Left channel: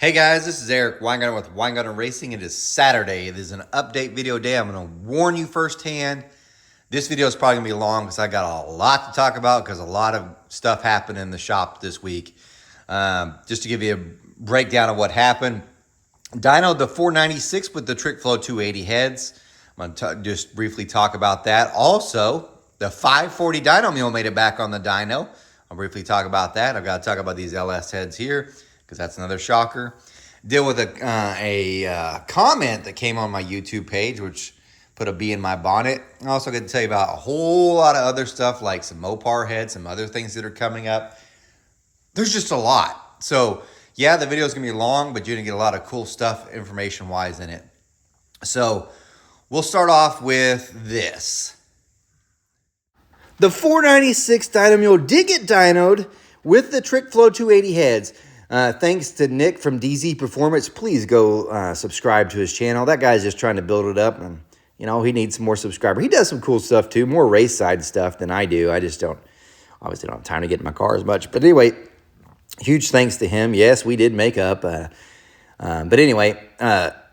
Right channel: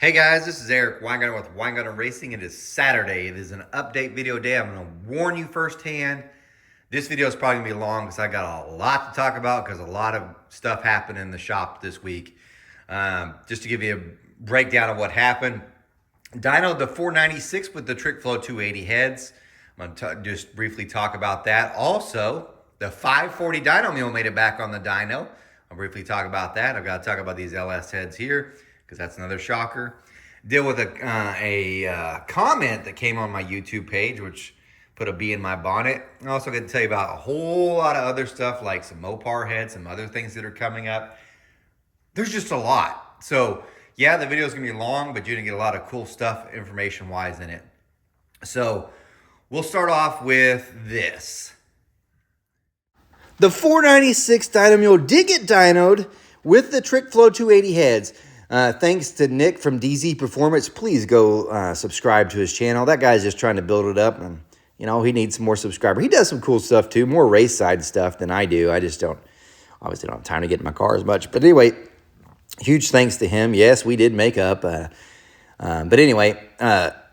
Hey guys, this is Eric Weingarten with Weingarten Racing. It is Saturday. It is an update video day. I'm going to warn you firsthand. This video is probably going to be long because I got a lot to talk about because a lot of stuff happened in the shop this week. Just to give you a breakdown of what happened. Dyno the 496 with the Trick Flow 280 heads. I'm going to just briefly talk about that. Also, the 540 Dyno mule made it back on the dyno. I'll briefly talk about that. I've got to talk about these LS heads here, because that's another shocker. Deal with a comment that came on my YouTube page, which put a bee in my bonnet. I'm also going to tell you about a whole lot of other stuff, like some Mopar heads, some other things that are coming up. There's just a lot. So, yeah, the video is going to be long, but you're going to get a lot of cool stuff information-wise in it. So, we'll start off with this. The 496 Dyno Mule did get dynoed with the Trick Flow 280 heads. Thanks to Nick from DZ Performance. Please go subscribe to his channel. That guy's just trying to build it up, and you know, he needs some more subscribers. He does some cool stuff too, more race side stuff than I do. I just obviously don't have time to get in my car as much. But anyway, huge thanks to him. Yes, we did make up. But anyway,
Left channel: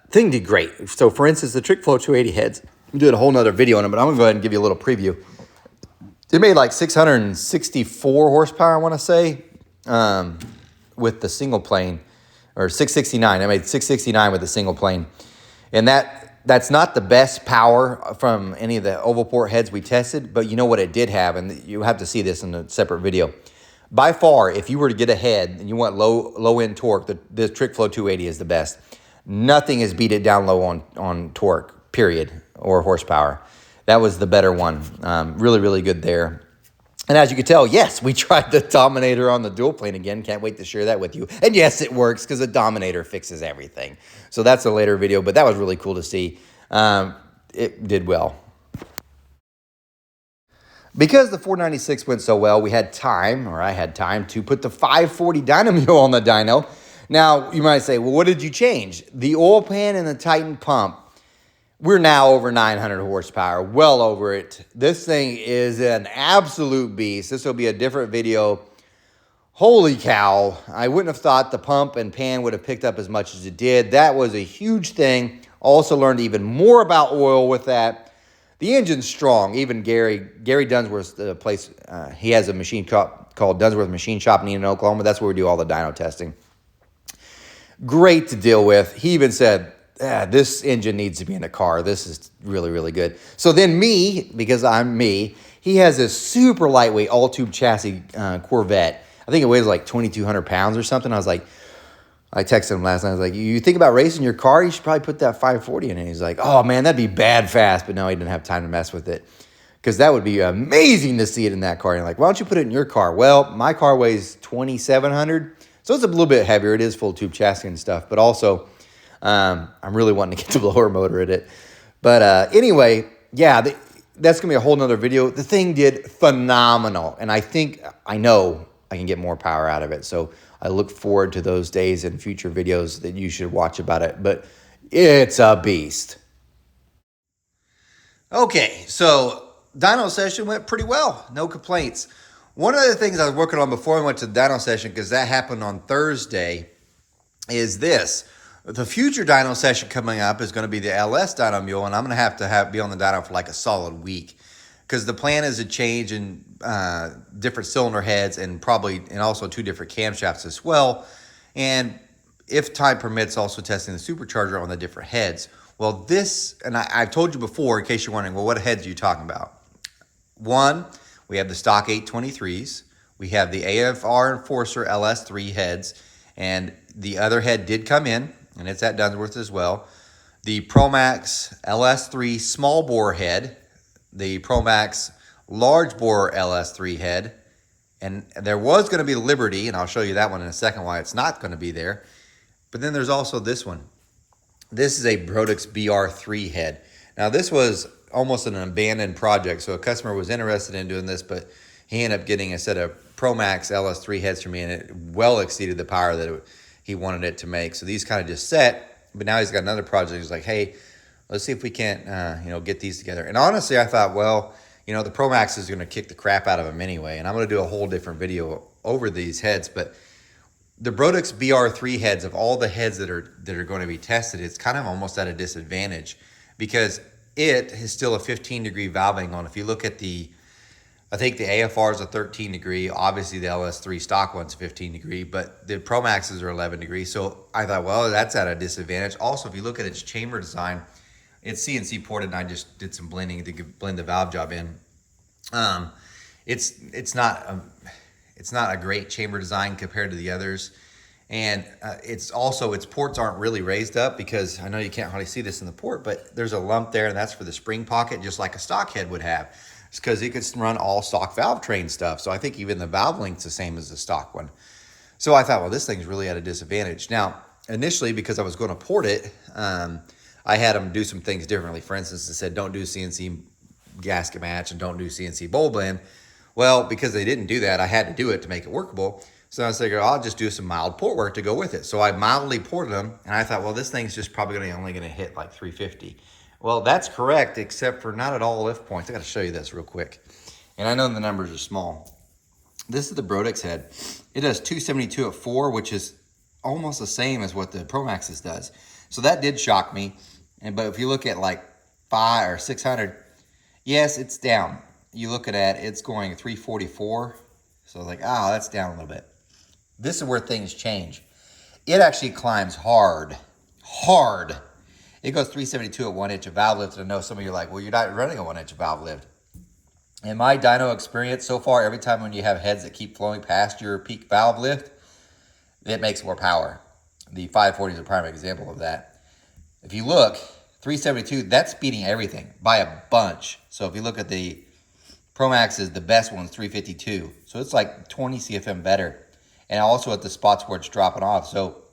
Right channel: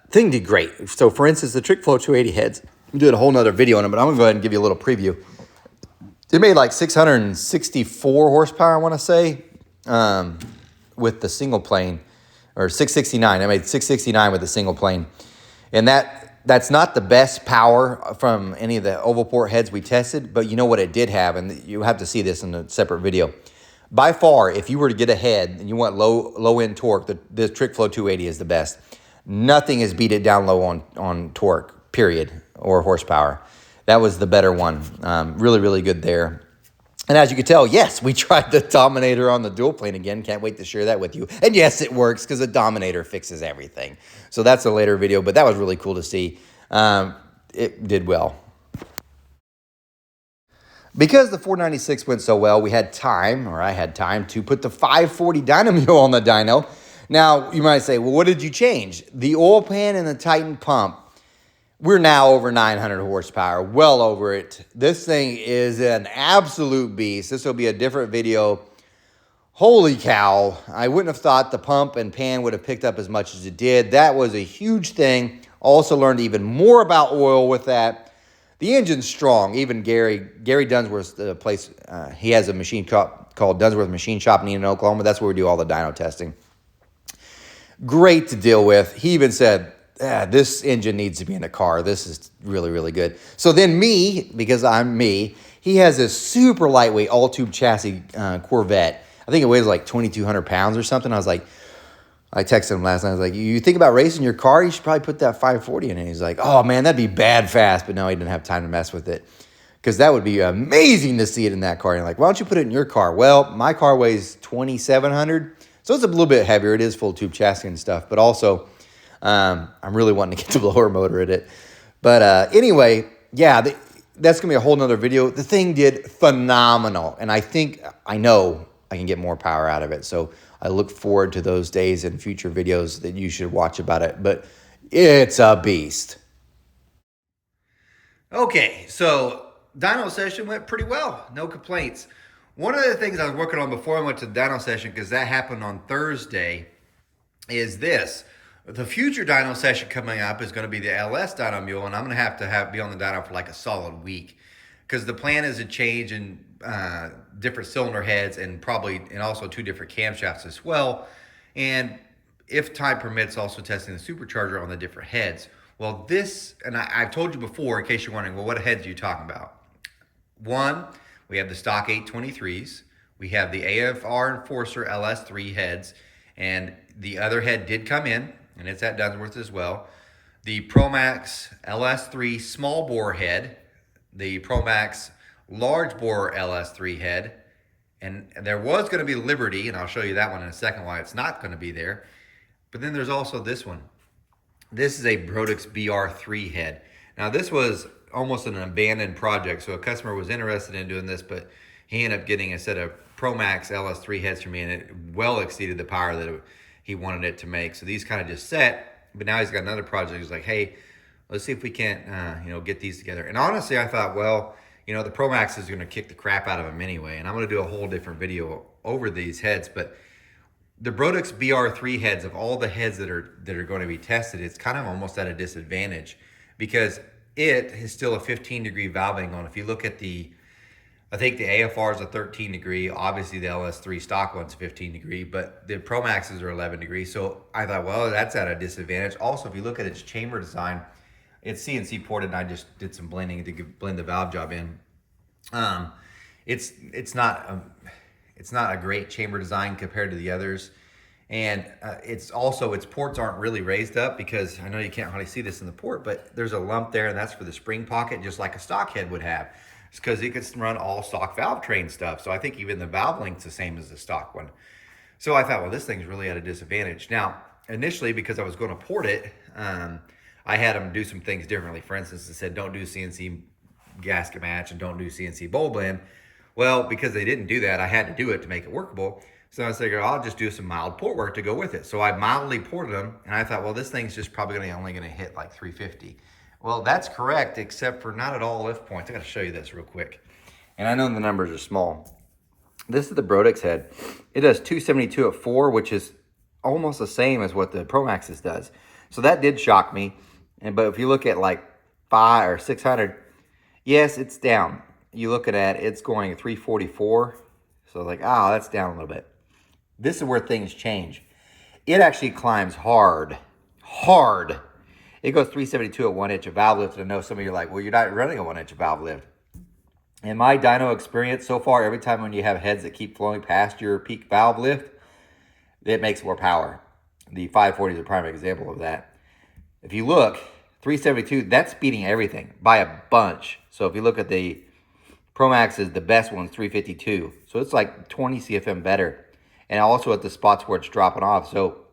thing did great. So for instance, the Trick Flow 280 heads, I'm doing a whole nother video on it, but I'm gonna go ahead and give you a little preview. It made like 664 horsepower, I want to say, with the single plane, or 669. I made 669 with the single plane. And that's not the best power from any of the oval port heads we tested, but you know what it did have, and you have to see this in a separate video. By far, if you were to get a head and you want low-end torque, the Trick Flow 280 is the best. Nothing has beat it down low on torque, period, or horsepower. That was the better one. Really, really good there. And as you can tell, yes, we tried the Dominator on the dual plane again. Can't wait to share that with you. And yes, it works because the Dominator fixes everything. So that's a later video, but that was really cool to see. It did well. Because the 496 went so well, we had time, or I had time, to put the 540 Dyno Mule on the dyno. Now, you might say, well, what did you change? The oil pan and the Titan pump. We're now over 900 horsepower, well over it. This thing is an absolute beast. This will be a different video. Holy cow. I wouldn't have thought the pump and pan would have picked up as much as it did. That was a huge thing. Also learned even more about oil with that. The engine's strong. Even Gary Dunsworth's the place, he has a machine called Dunsworth Machine Shop in Enid, Oklahoma. That's where we do all the dyno testing. Great to deal with. He even said, this engine needs to be in a car. This is really, really good. So then me, because I'm me, he has this super lightweight all-tube chassis Corvette. I think it weighs like 2,200 pounds or something. I texted him last night. I was like, you think about racing your car? You should probably put that 540 in it. He's like, oh, man, that'd be bad fast. But no, he didn't have time to mess with it because that would be amazing to see it in that car. And you're like, why don't you put it in your car? Well, my car weighs 2,700, so it's a little bit heavier. It is full-tube chassis and stuff, but also I'm really wanting to get the blower motor in it. But anyway, yeah, that's going to be a whole nother video. The thing did phenomenal. And I know I can get more power out of it. So I look forward to those days and future videos that you should watch about it. But it's a beast. Okay, so dyno session went pretty well. No complaints. One of the things I was working on before I went to the dyno session, because that happened on Thursday, is this. The future dyno session coming up is going to be the LS dyno mule, and I'm going to have be on the dyno for like a solid week, because the plan is to change in different cylinder heads and also 2 different camshafts as well, and if time permits, also testing the supercharger on the different heads. Well, I've told you before, in case you're wondering, well, what heads are you talking about? One, we have the stock 823s, we have the AFR Enforcer LS3 heads, and the other head did come in, and it's at Dunsworth as well. The ProMax LS3 small bore head, the ProMax large bore LS3 head, and there was going to be Liberty, and I'll show you that one in a second why it's not going to be there. But then there's also this one. This is a Brodix BR3 head. Now this was almost an abandoned project, so a customer was interested in doing this, but he ended up getting a set of ProMax LS3 heads for me, and it well exceeded the power that he wanted it to make. So these kind of just set, but now he's got another project. He's like, hey, let's see if we can't, get these together. And honestly, I thought, well, the ProMax is going to kick the crap out of them anyway, and I'm going to do a whole different video over these heads. But the Brodix BR3 heads, of all the heads that are going to be tested, it's kind of almost at a disadvantage because it is still a 15-degree valve angle. If you look at I think the AFR is a 13 degree. Obviously, the LS3 stock one's 15 degree, but the Pro Maxes are 11 degrees. So I thought, well, that's at a disadvantage. Also, if you look at its chamber design, it's CNC ported, and I just did some blending to blend the valve job in. It's not a great chamber design compared to the others, and its ports aren't really raised up because I know you can't hardly see this in the port, but there's a lump there, and that's for the spring pocket, just like a stock head would have. It's because it can run all stock valve train stuff. So I think even the valve length's the same as the stock one. So I thought, well, this thing's really at a disadvantage. Now, initially, because I was going to port it, I had them do some things differently. For instance, they said, don't do CNC gasket match and don't do CNC bowl blend. Well, because they didn't do that, I had to do it to make it workable. So I figured I'll just do some mild port work to go with it. So I mildly ported them, and I thought, well, this thing's just probably only going to hit like 350. Well, that's correct, except for not at all lift points. I got to show you this real quick. And I know the numbers are small. This is the Brodix head. It does 272 at 4, which is almost the same as what the Pro Maxes does. So that did shock me. But if you look at like 500 or 600, yes, it's down. You looking at it's going 344. So like, oh, that's down a little bit. This is where things change. It actually climbs hard. It goes 372 at 1 inch of valve lift. And I know some of you are like, well, you're not running a 1 inch of valve lift. In my dyno experience so far, every time when you have heads that keep flowing past your peak valve lift, it makes more power. The 540 is a prime example of that. If you look, 372, that's beating everything by a bunch. So if you look at the Pro Maxes, the best one's 352. So it's like 20 CFM better. And also at the spots where it's dropping off. So,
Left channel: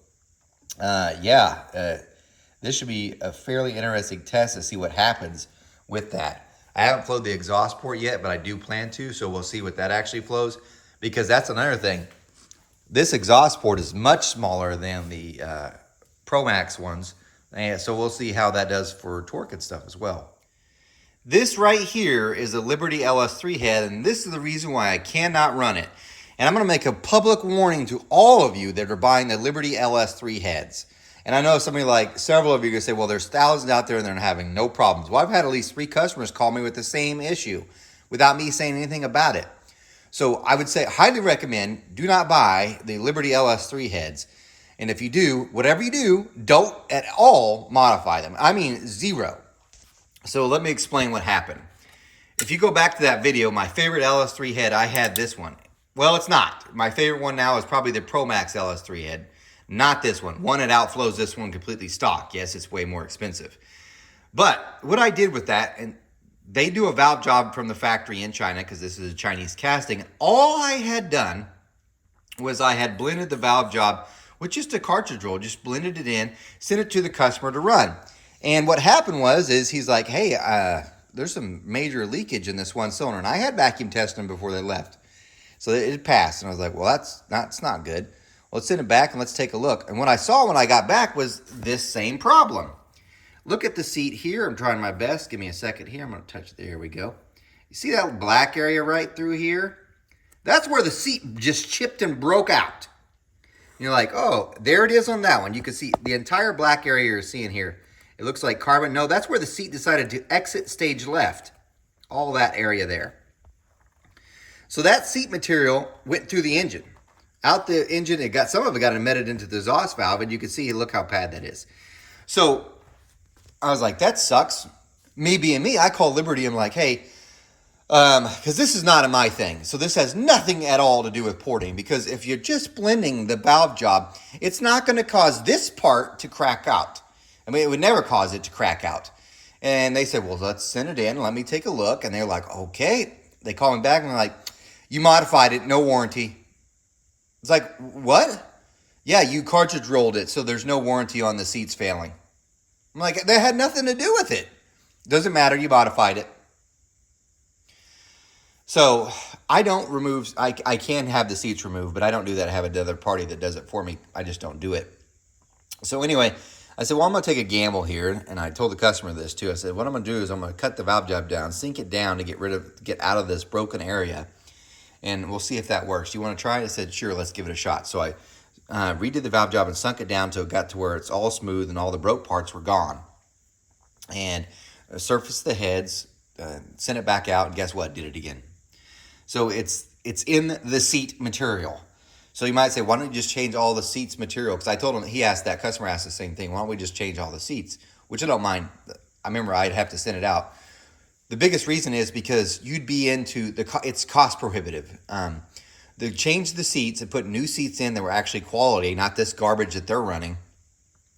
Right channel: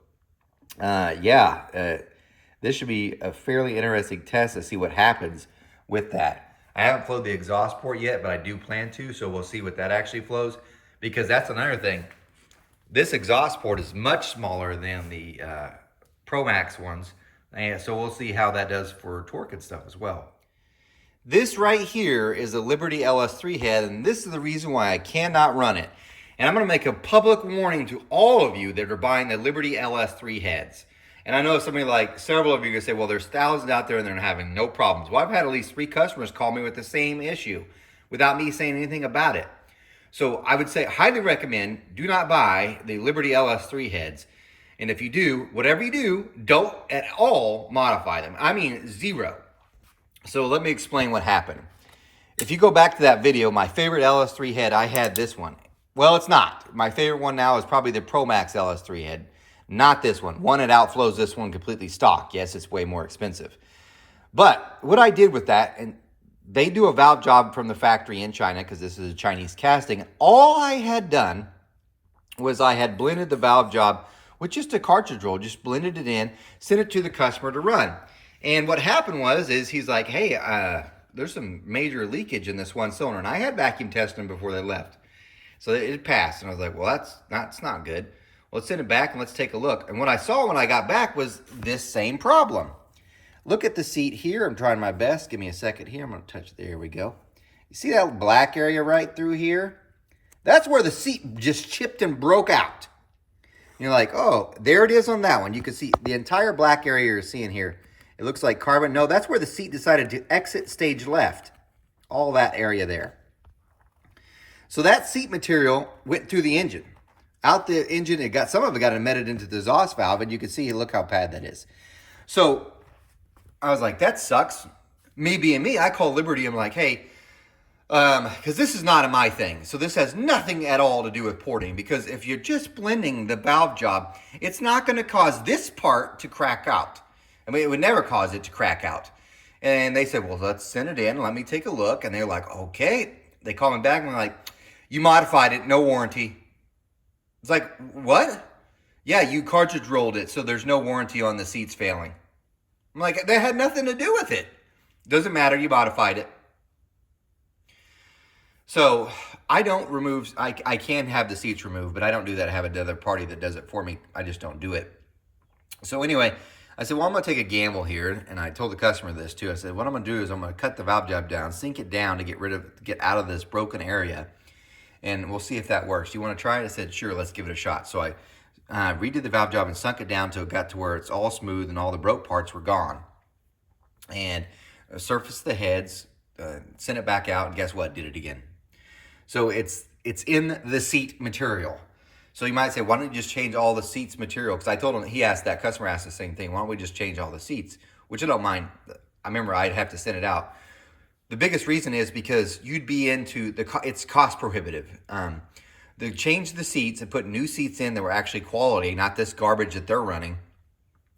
this should be a fairly interesting test to see what happens with that. I haven't flowed the exhaust port yet, but I do plan to, so we'll see what that actually flows, because that's another thing. This exhaust port is much smaller than the Pro Max ones, and so we'll see how that does for torque and stuff as well. This right here is a Liberty LS3 head, and this is the reason why I cannot run it. And I'm going to make a public warning to all of you that are buying the Liberty LS3 heads. And I know several of you are going to say, well, there's thousands out there and they're having no problems. Well, I've had at least 3 customers call me with the same issue without me saying anything about it. So I would say, highly recommend, do not buy the Liberty LS3 heads. And if you do, whatever you do, don't at all modify them. I mean, zero. So let me explain what happened. If you go back to that video, my favorite LS3 head, I had this one. Well, it's not. My favorite one now is probably the Pro Max LS3 head. Not this one. One, it outflows this one completely stock. Yes, it's way more expensive. But what I did with that, and they do a valve job from the factory in China because this is a Chinese casting. And all I had done was I had blended the valve job with just a cartridge roll, just blended it in, sent it to the customer to run. And what happened is he's like, hey, there's some major leakage in this one cylinder. And I had vacuum tested them before they left. So it passed. And I was like, well, that's not good. Let's send it back and let's take a look. And what I saw when I got back was this same problem. Look at the seat here. I'm trying my best. Give me a second here. I'm going to touch there. We go. You see that black area right through here? That's where the seat just chipped and broke out. And you're like, oh, there it is on that one. You can see the entire black area you're seeing here. It looks like carbon. No, that's where the seat decided to exit stage left. All that area there. So that seat material went through the engine. Out the engine, some of it got embedded into the exhaust valve, and you can see, look how bad that is. So I was like, that sucks. Me being me, I call Liberty. I'm like, hey, because this is not my thing. So this has nothing at all to do with porting, because if you're just blending the valve job, it's not going to cause this part to crack out. I mean, it would never cause it to crack out. And they said, well, let's send it in. Let me take a look. And they're like, okay. They call me back and they're like, you modified it, no warranty. It's like, what? Yeah, you cartridge rolled it, so there's no warranty on the seats failing. I'm like, that had nothing to do with it. Doesn't matter, you modified it. So I don't remove, I can have the seats removed, but I don't do that. I have another party that does it for me. I just don't do it. So anyway, I said, well, I'm going to take a gamble here. And I told the customer this too. I said, what I'm going to do is I'm going to cut the valve job down, sink it down to get out of this broken area. And we'll see if that works. You want to try it? I said, sure, let's give it a shot. So redid the valve job and sunk it down till it got to where it's all smooth and all the broke parts were gone. And surfaced the heads, sent it back out, and guess what? Did it again. So it's in the seat material. So you might say, why don't you just change all the seats material? Because I told him, that customer asked the same thing. Why don't we just change all the seats? Which I don't mind. I remember I'd have to send it out. The biggest reason is because you'd be into it's cost prohibitive. They changed the seats and put new seats in that were actually quality, not this garbage that they're running.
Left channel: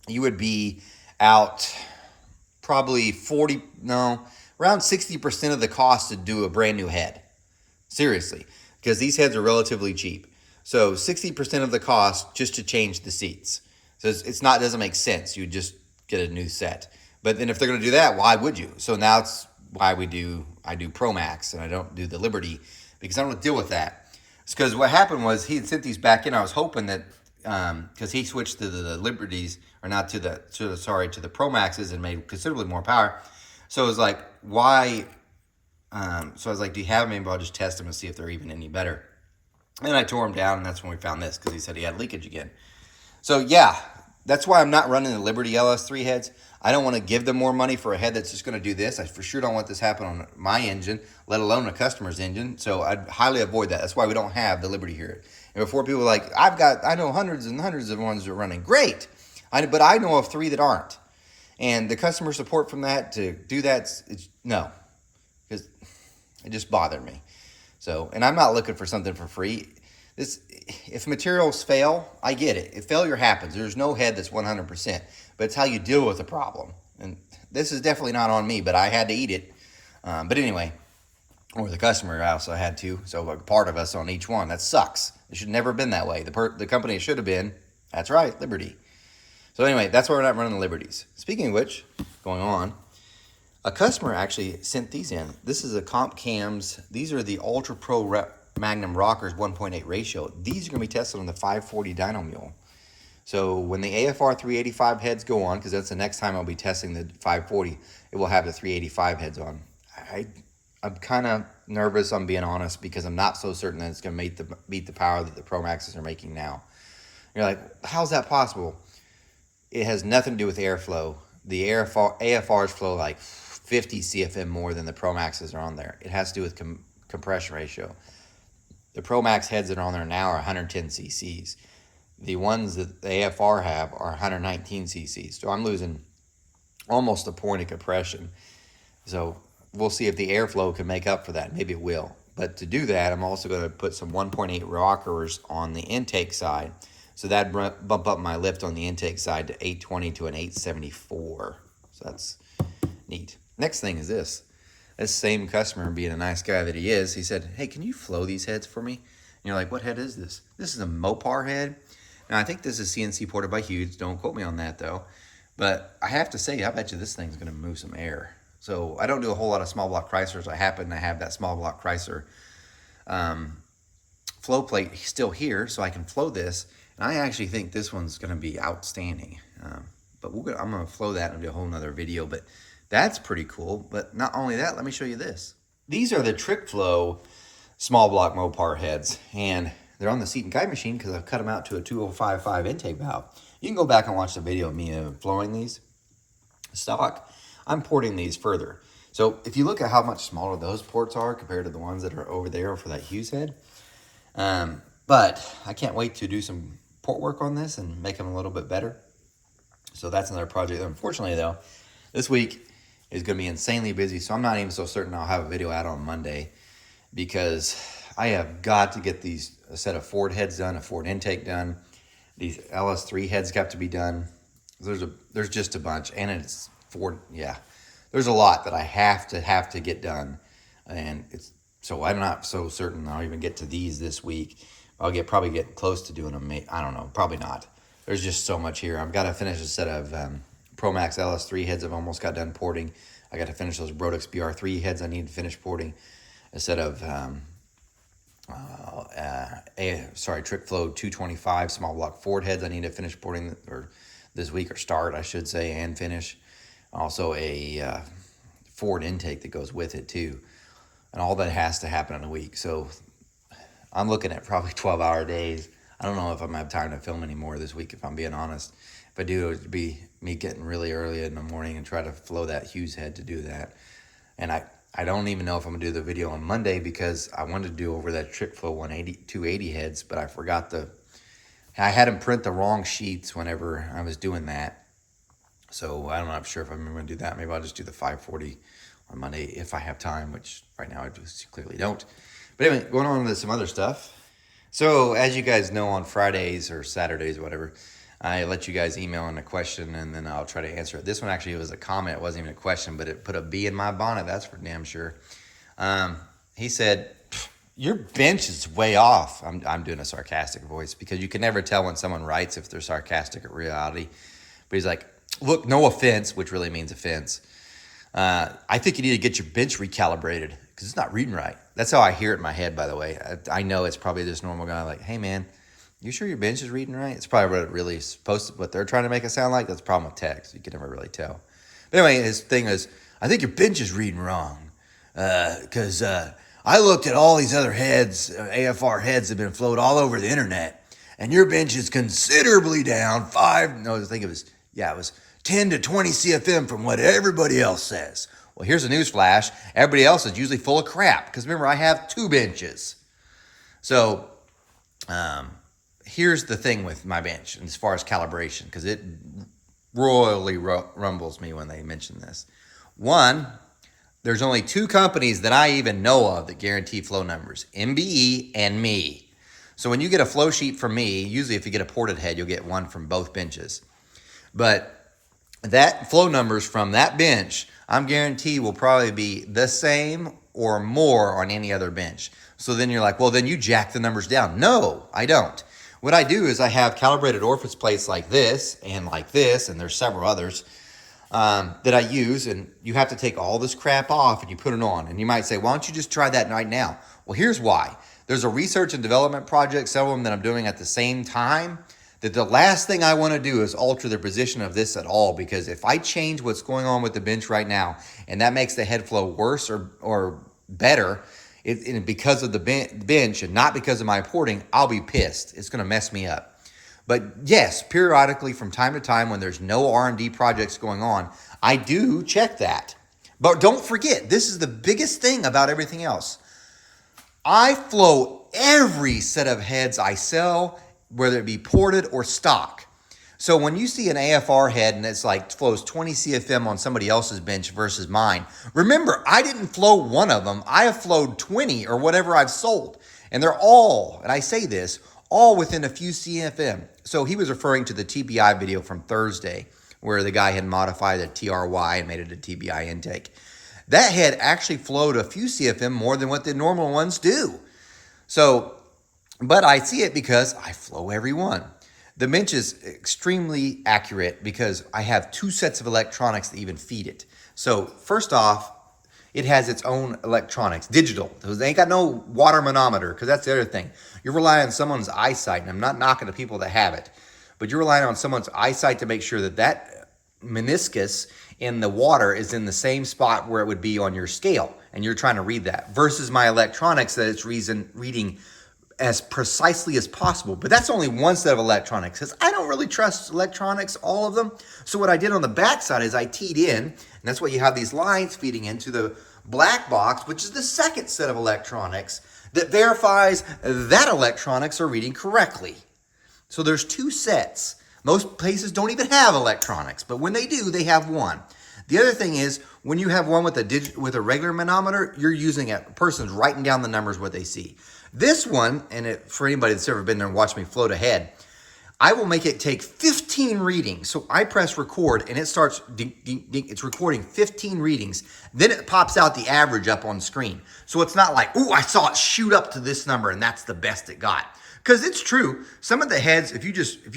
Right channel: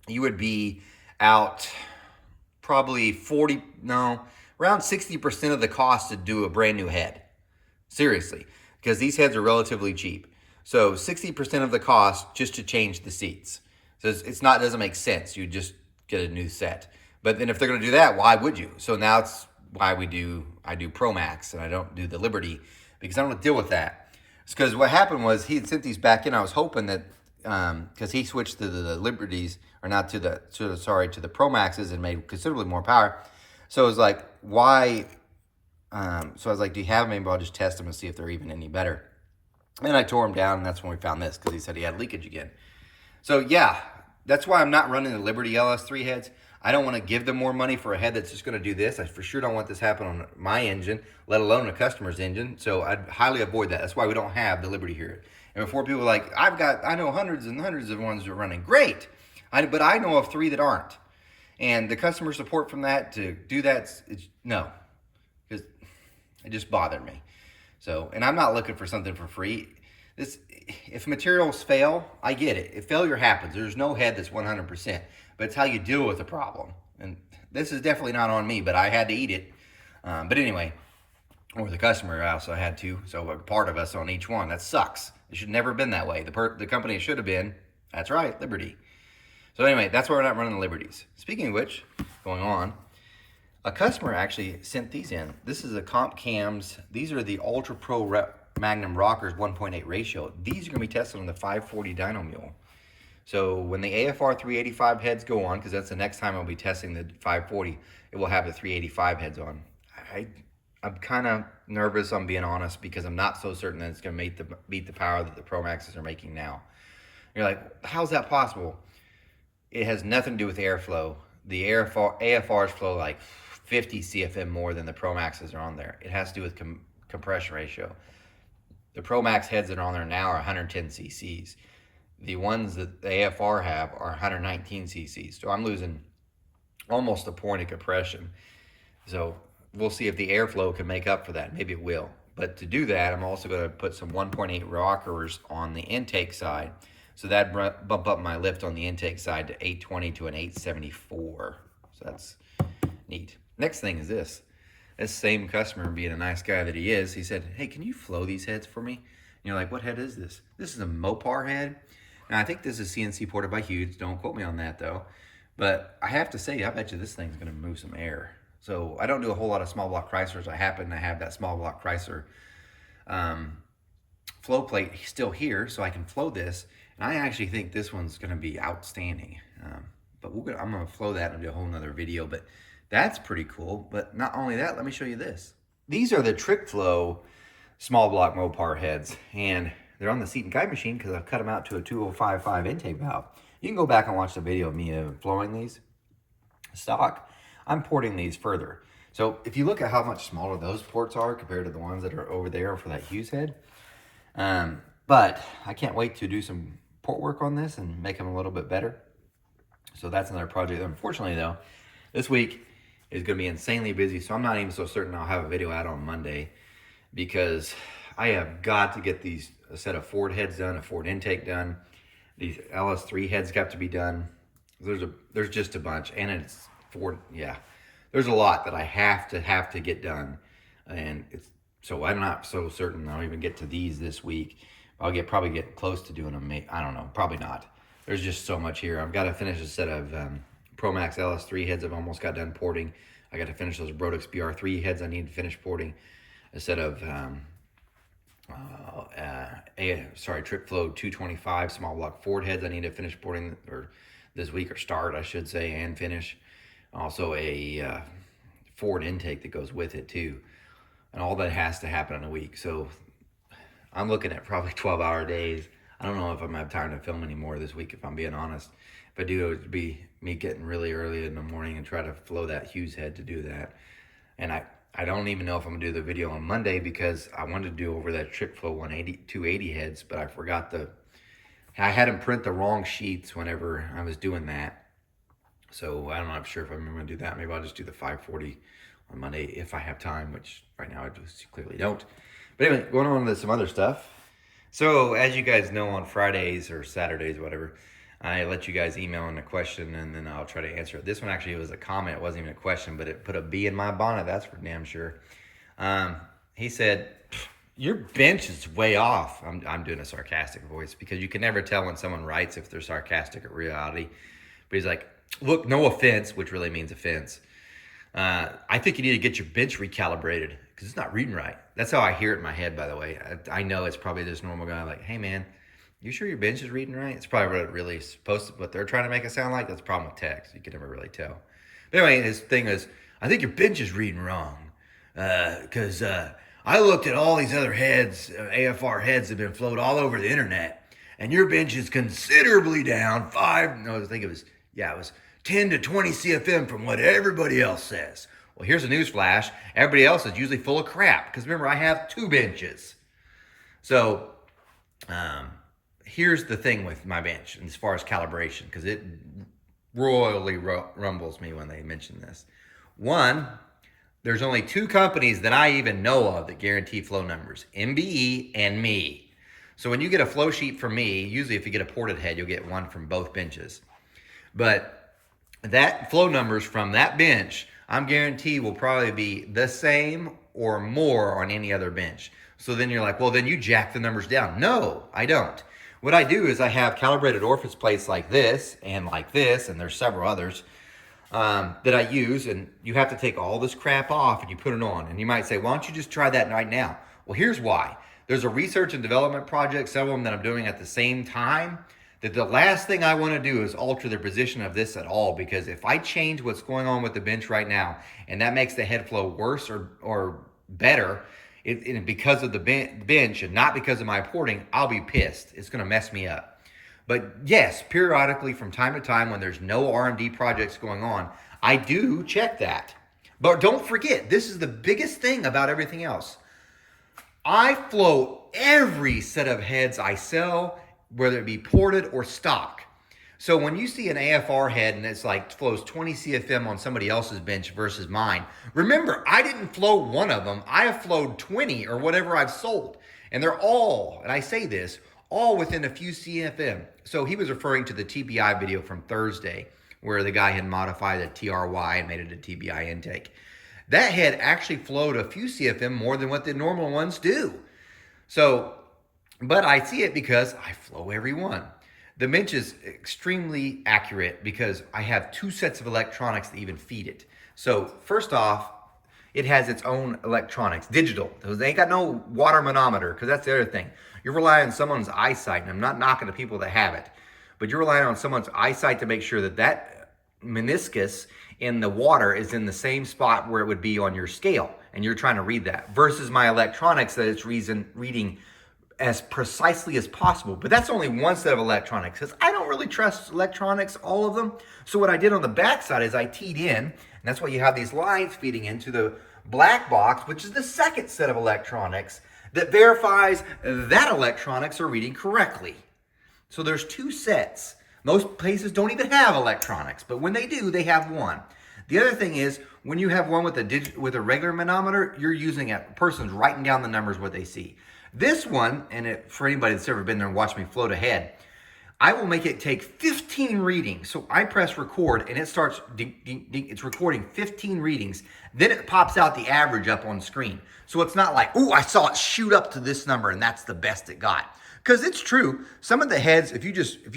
You would be out probably around 60% of the cost to do a brand new head. Seriously, because these heads are relatively cheap. So 60% of the cost just to change the seats. So it doesn't make sense. You just get a new set. But then if they're going to do that, why would you? So now it's why I do Pro Max and I don't do the Liberty, because I don't deal with that. It's because what happened was he had sent these back in. I was hoping that because he switched to the Liberties, or not to the Pro Maxes, and made considerably more power. So it was like, why? So I was like, do you have them? Maybe I'll just test them and see if they're even any better. And I tore them down, and that's when we found this, because he said he had leakage again. So yeah, that's why I'm not running the Liberty LS3 heads. I don't want to give them more money for a head that's just going to do this. I for sure don't want this to happen on my engine, let alone a customer's engine. So I'd highly avoid that. That's why we don't have the Liberty here. And before people are like, I know hundreds and hundreds of ones that are running great, but I know of 3 that aren't. And the customer support from that to do that, no, because it just bothered me. So, and I'm not looking for something for free. If materials fail, I get it. If failure happens, there's no head that's 100%, but it's how you deal with the problem. And this is definitely not on me, but I had to eat it. But anyway, or the customer also had to. So a part of us on each one. That sucks. It should never have been that way. The company it should have been, that's right, Liberty. So anyway, that's why we're not running the Liberties. Speaking of which, going on, a customer actually sent these in. This is a Comp Cams. These are the Ultra Pro Magnum Rockers 1.8 ratio. These are going to be tested on the 540 Dyno Mule. So when the AFR 385 heads go on, because that's the next time I'll be testing the 540, it will have the 385 heads on. I'm kind of nervous, I'm being honest, because I'm not so certain that it's going to meet the power that the Pro Maxes are making now. You're like, how's that possible? It has nothing to do with airflow. The AFRs flow like 50 CFM more than the Pro Maxes are on there. It has to do with compression ratio. The Pro Max heads that are on there now are 110 cc's. The ones that the AFR have are 119 cc's. So I'm losing almost a point of compression. So we'll see if the airflow can make up for that. Maybe it will. But to do that, I'm also going to put some 1.8 rockers on the intake side. So that bump up my lift on the intake side to 820 to an 874. So that's neat. Next thing is this. This same customer, being a nice guy that he is, he said, hey, can you flow these heads for me? And you're like, what head is this? This is a Mopar head. Now, I think this is CNC ported by Hughes. Don't quote me on that, though. But I have to say, I bet you this thing's going to move some air. So I don't do a whole lot of small block Chryslers. I happen to have that small block Chrysler flow plate still here, so I can flow this. And I actually think this one's going to be outstanding. But I'm going to flow that and do a whole nother video. But that's pretty cool. But not only that, let me show you this. These are the Trick Flow small block Mopar heads. And they're on the seat and guide machine because I've cut them out to a 2055 intake valve. You can go back and watch the video of me flowing these stock. I'm porting these further. So if you look at how much smaller those ports are compared to the ones that are over there for that Hughes head. But I can't wait to do some port work on this and make them a little bit better. So that's another project. Unfortunately, though, this week is going to be insanely busy. So I'm not even so certain I'll have a video out on Monday, because I have got to get a set of Ford heads done, a Ford intake done. These LS3 heads got to be done. There's just a bunch, and it's Ford. Yeah, there's a lot that I have to get done, and so I'm not so certain I'll even get to these this week. I'll probably get close to doing them. I don't know, probably not. There's just so much here. I've got to finish a set of Pro Max LS3 heads I've almost got done porting. I got to finish those Brodix BR3 heads I need to finish porting. A set of Trick Flow 225 small block Ford heads I need to finish porting or this week, or start, I should say, and finish. Also a Ford intake that goes with it too. And all that has to happen in a week. So I'm looking at probably 12-hour days. I don't know if I'm gonna have time to film anymore this week, if I'm being honest. If I do, it would be me getting really early in the morning and try to flow that Hughes head to do that. And I don't even know if I'm gonna do the video on Monday because I wanted to do over that trick flow 280 heads, but I forgot I had him print the wrong sheets whenever I was doing that. So I'm not sure if I'm gonna do that. Maybe I'll just do the 540 on Monday if I have time, which right now I just clearly don't. But anyway, going on to some other stuff. So as you guys know, on Fridays or Saturdays, whatever, I let you guys email in a question and then I'll try to answer it. This one actually was a comment. It wasn't even a question, but it put a bee in my bonnet. That's for damn sure. He said, your bench is way off. I'm doing a sarcastic voice because you can never tell when someone writes if they're sarcastic or reality. But he's like, look, no offense, which really means offense. I think you need to get your bench recalibrated because it's not reading right. That's how I hear it in my head, by the way. I know it's probably this normal guy like, hey, man, you sure your bench is reading right? It's probably what it really is supposed to, what they're trying to make it sound like. That's the problem with text. You can never really tell. But anyway, his thing is, I think your bench is reading wrong because I looked at all these other heads, AFR heads have been flowed all over the internet, and your bench is considerably down it was 10 to 20 CFM from what everybody else says. Well, here's a news flash. Everybody else is usually full of crap because remember, I have 2 benches. So here's the thing with my bench as far as calibration, because it royally rumbles me when they mention this. One, there's only 2 companies that I even know of that guarantee flow numbers, MBE and me. So when you get a flow sheet from me, usually if you get a ported head, you'll get one from both benches. But that flow numbers from that bench, I'm guaranteed will probably be the same or more on any other bench. So then you're like, well, then you jack the numbers down. No, I don't. What I do is I have calibrated orifice plates like this, and there's several others that I use, and you have to take all this crap off and you put it on. And you might say, why don't you just try that right now? Well, here's why. There's a research and development project, several of them that I'm doing at the same time, that the last thing I want to do is alter the position of this at all, because if I change what's going on with the bench right now and that makes the head flow worse or better because of the bench and not because of my porting, I'll be pissed. It's going to mess me up. But yes, periodically from time to time when there's no R&D projects going on, I do check that. But don't forget, this is the biggest thing about everything else. I flow every set of heads I sell, whether it be ported or stock. So when you see an AFR head and it's like flows 20 CFM on somebody else's bench versus mine, remember, I didn't flow one of them. I have flowed 20 or whatever I've sold. And they're all, and I say this, all within a few CFM. So he was referring to the TBI video from Thursday where the guy had modified the TRY and made it a TBI intake. That head actually flowed a few CFM more than what the normal ones do. So, but I see it because I flow every one. The bench is extremely accurate because I have 2 sets of electronics that even feed it. So first off, it has its own electronics, digital. They ain't got no water manometer, because that's the other thing. You're relying on someone's eyesight, and I'm not knocking the people that have it, but you're relying on someone's eyesight to make sure that that meniscus in the water is in the same spot where it would be on your scale, and you're trying to read that, versus my electronics that it's reading as precisely as possible. But that's only one set of electronics, because I don't really trust electronics, all of them. So what I did on the back side is I teed in, and that's why you have these lines feeding into the black box, which is the second set of electronics that verifies that electronics are reading correctly. So there's 2 sets. Most places don't even have electronics, but when they do, they have one. The other thing is, when you have one with a regular manometer, you're using a person's writing down the numbers, what they see. This one, and for anybody that's ever been there and watched me float ahead, I will make it take 15 readings. So I press record and it starts, it's recording 15 readings. Then it pops out the average up on screen. So it's not like, oh, I saw it shoot up to this number and that's the best it got. Because it's true, some of the heads, if you're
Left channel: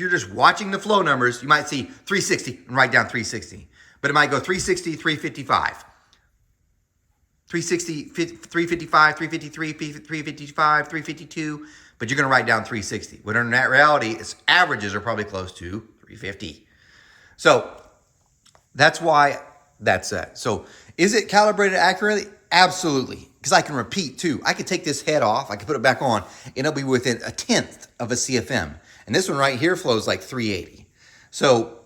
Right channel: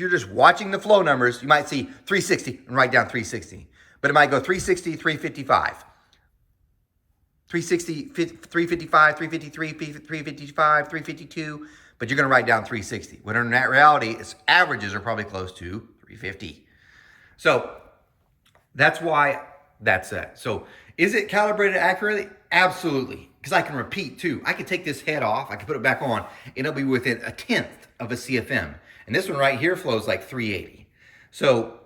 just watching the flow numbers, you might see 360 and write down 360. But it might go 360, 355. 360, 355, 353, 355, 352, but you're going to write down 360. When in that reality, its averages are probably close to 350. So that's why that's that. So is it calibrated accurately? Absolutely. because I can repeat too. I could take this head off, I could put it back on, and it'll be within 1/10 of a CFM. And this one right here flows like 380. So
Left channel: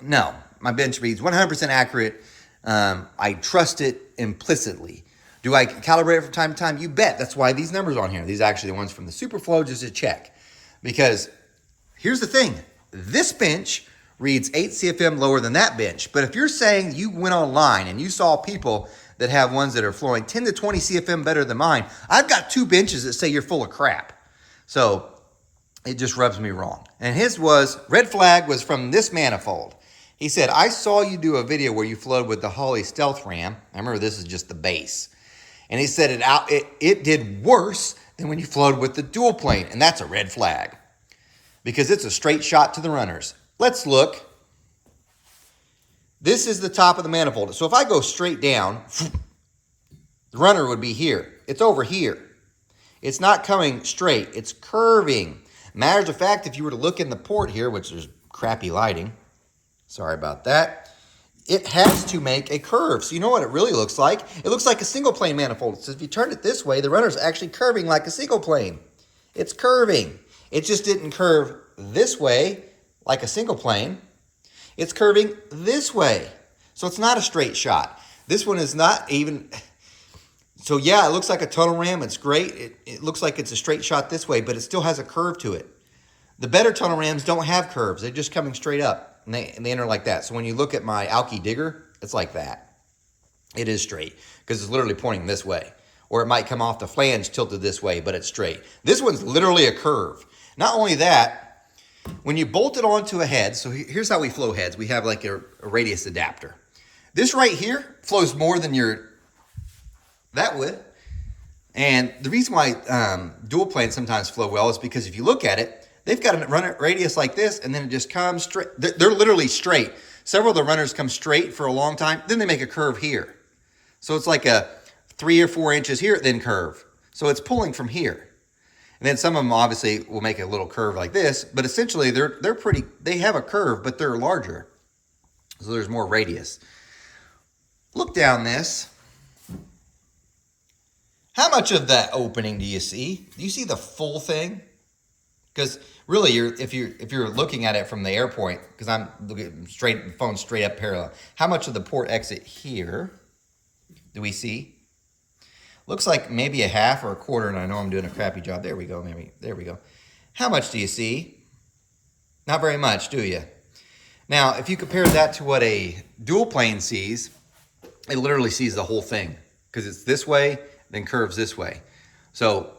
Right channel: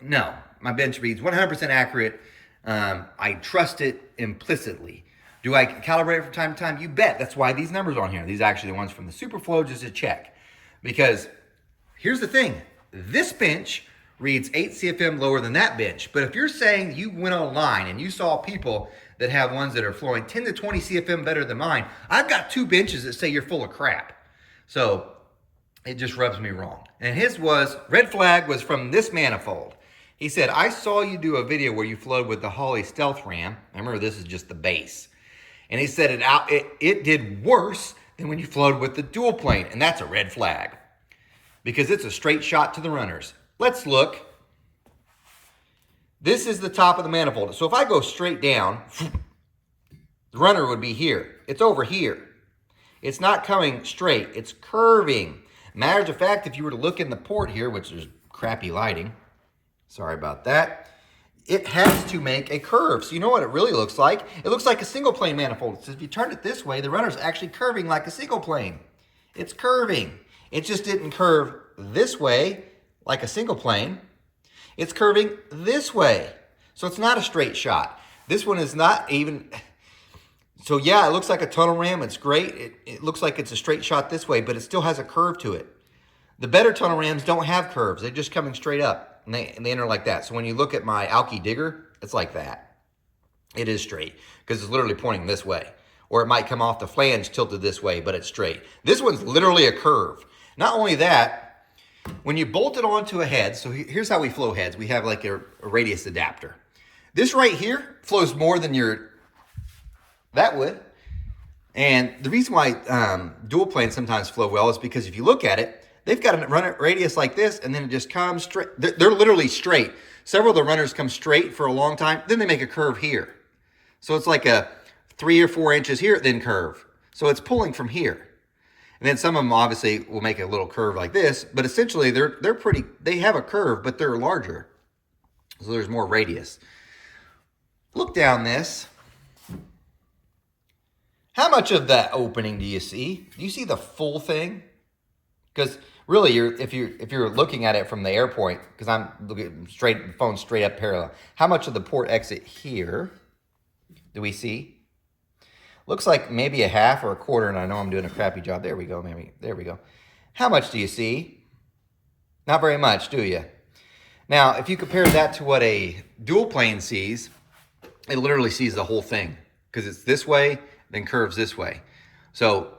no, my bench reads 100% accurate. I trust it implicitly. Do I calibrate it from time to time? You bet. That's why these numbers are on here. These are actually the ones from the Superflow, just to check. Because here's the thing. This bench reads 8 CFM lower than that bench. But if you're saying you went online and you saw people that have ones that are flowing 10 to 20 CFM better than mine, I've got 2 benches that say you're full of crap. So it just rubs me wrong. And his red flag was from this manifold. He said, I saw you do a video where you flowed with the Holley Stealth Ram. I remember this is just the base. And he said it did worse than when you flowed with the dual plane. And that's a red flag because it's a straight shot to the runners. Let's look. This is the top of the manifold. So if I go straight down, the runner would be here. It's over here. It's not coming straight. It's curving. Matters of fact, if you were to look in the port here, which is crappy lighting, sorry about that, it has to make a curve. So you know what it really looks like? It looks like a single plane manifold. So if you turn it this way, the runner's actually curving like a single plane. It's curving. It just didn't curve this way like a single plane. It's curving this way. So it's not a straight shot. This one is not even... So yeah, it looks like a tunnel ram. It's great. It looks like it's a straight shot this way, but it still has a curve to it. The better tunnel rams don't have curves. They're just coming straight up. And they enter like that. So when you look at my Alki Digger, it's like that. It is straight because it's literally pointing this way. Or it might come off the flange tilted this way, but it's straight. This one's literally a curve. Not only that, when you bolt it onto a head, so here's how we flow heads. We have like a radius adapter. This right here flows more than that would. And the reason why dual planes sometimes flow well is because if you look at it, they've got a run radius like this, and then it just comes straight. They're literally straight. Several of the runners come straight for a long time, then they make a curve here. So it's like a 3 or 4 inches here, then curve. So it's pulling from here. And then some of them obviously will make a little curve like this, but essentially they have a curve, but they're larger. So there's more radius. Look down this. How much of that opening do you see? Do you see the full thing? Because really, if you're looking at it from the air point, because I'm looking the phone straight up parallel, how much of the port exit here do we see? Looks like maybe a half or a quarter, and I know I'm doing a crappy job. There we go, maybe. There we go. How much do you see? Not very much, do you? Now, if you compare that to what a dual plane sees, it literally sees the whole thing because it's this way, then curves this way. So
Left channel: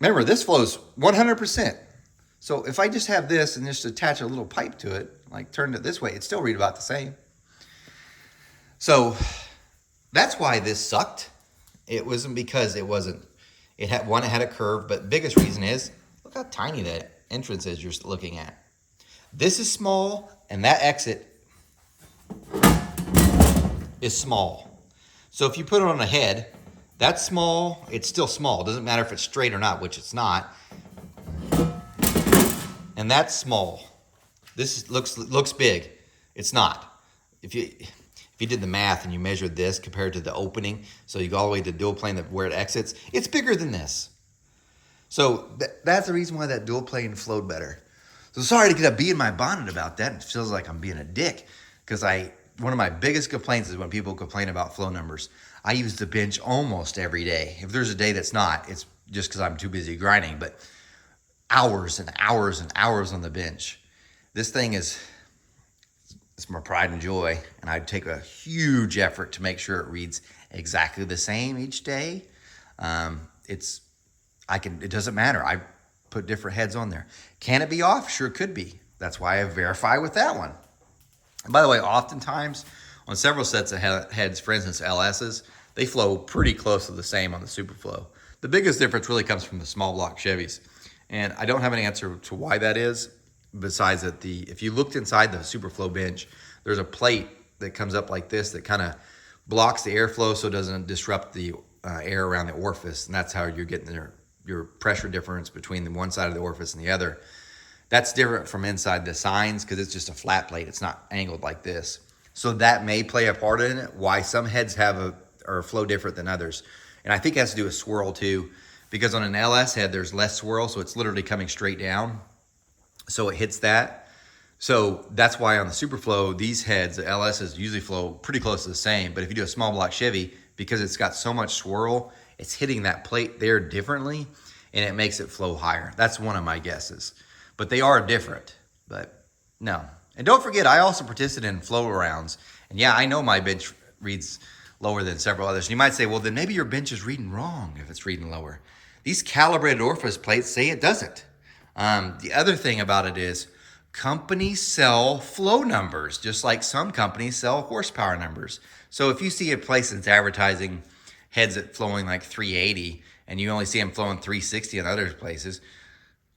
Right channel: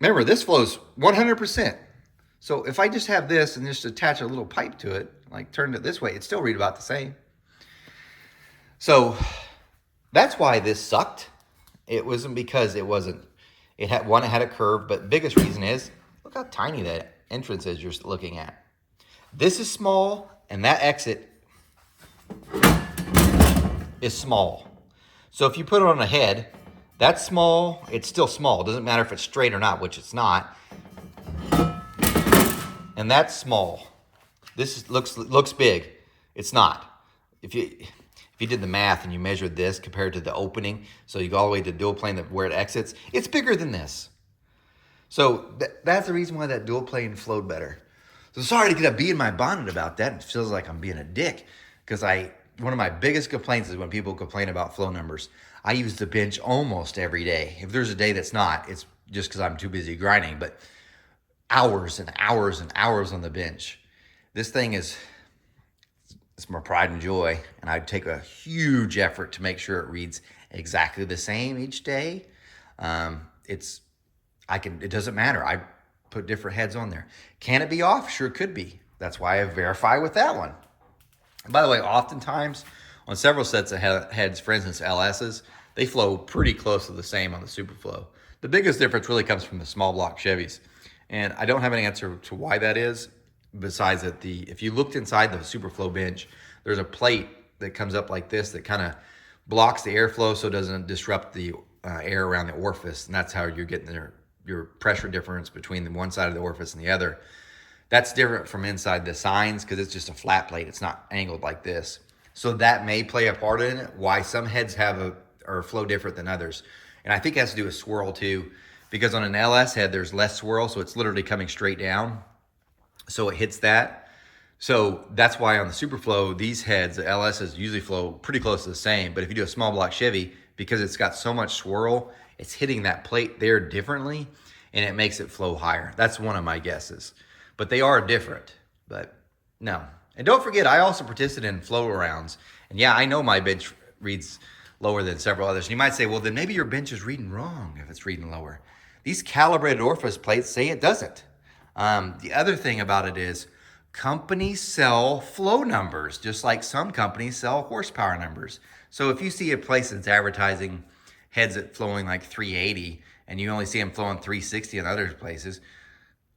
remember, this flows 100%. So if I just have this and just attach a little pipe to it, like turn it this way, it'd still read about the same. So that's why this sucked. It wasn't because it had a curve, but biggest reason is, look how tiny that entrance is you're looking at. This is small, and that exit is small. So if you put it on a head, that's small, it's still small. It doesn't matter if it's straight or not, which it's not. And that's small. This looks big. It's not. If you did the math and you measured this compared to the opening, so you go all the way to dual plane where it exits, it's bigger than this. So that's the reason why that dual plane flowed better. So sorry to get a bee in my bonnet about that. It feels like I'm being a dick because one of my biggest complaints is when people complain about flow numbers. I use the bench almost every day. If there's a day that's not, it's just because I'm too busy grinding, but hours and hours and hours on the bench. This thing it's my pride and joy, and I take a huge effort to make sure it reads exactly the same each day. It doesn't matter. I put different heads on there. Can it be off? Sure could be. That's why I verify with that one. And by the way, oftentimes on several sets of heads, for instance, LSs, they flow pretty close to the same on the Superflow. The biggest difference really comes from the small block Chevys. And I don't have an answer to why that is, besides that if you looked inside the Superflow bench, there's a plate that comes up like this that kind of blocks the airflow so it doesn't disrupt the air around the orifice. And that's how you're getting your pressure difference between the one side of the orifice and the other. That's different from inside the signs because it's just a flat plate. It's not angled like this. So that may play a part in it, why some heads or flow different than others. And I think it has to do with swirl too, because on an LS head, there's less swirl, so it's literally coming straight down. So it hits that. So that's why on the Superflow, these heads, the LSs usually flow pretty close to the same. But if you do a small block Chevy, because it's got so much swirl, it's hitting that plate there differently, and it makes it flow higher. That's one of my guesses. But they are different, but no. And don't forget, I also participated in flow rounds. And yeah, I know my bench reads lower than several others. And you might say, well, then maybe your bench is reading wrong if it's reading lower. These calibrated orifice plates say it doesn't. The other thing about it is companies sell flow numbers, just like some companies sell horsepower numbers. So if you see a place that's advertising heads that flowing like 380 and you only see them flowing 360 in other places,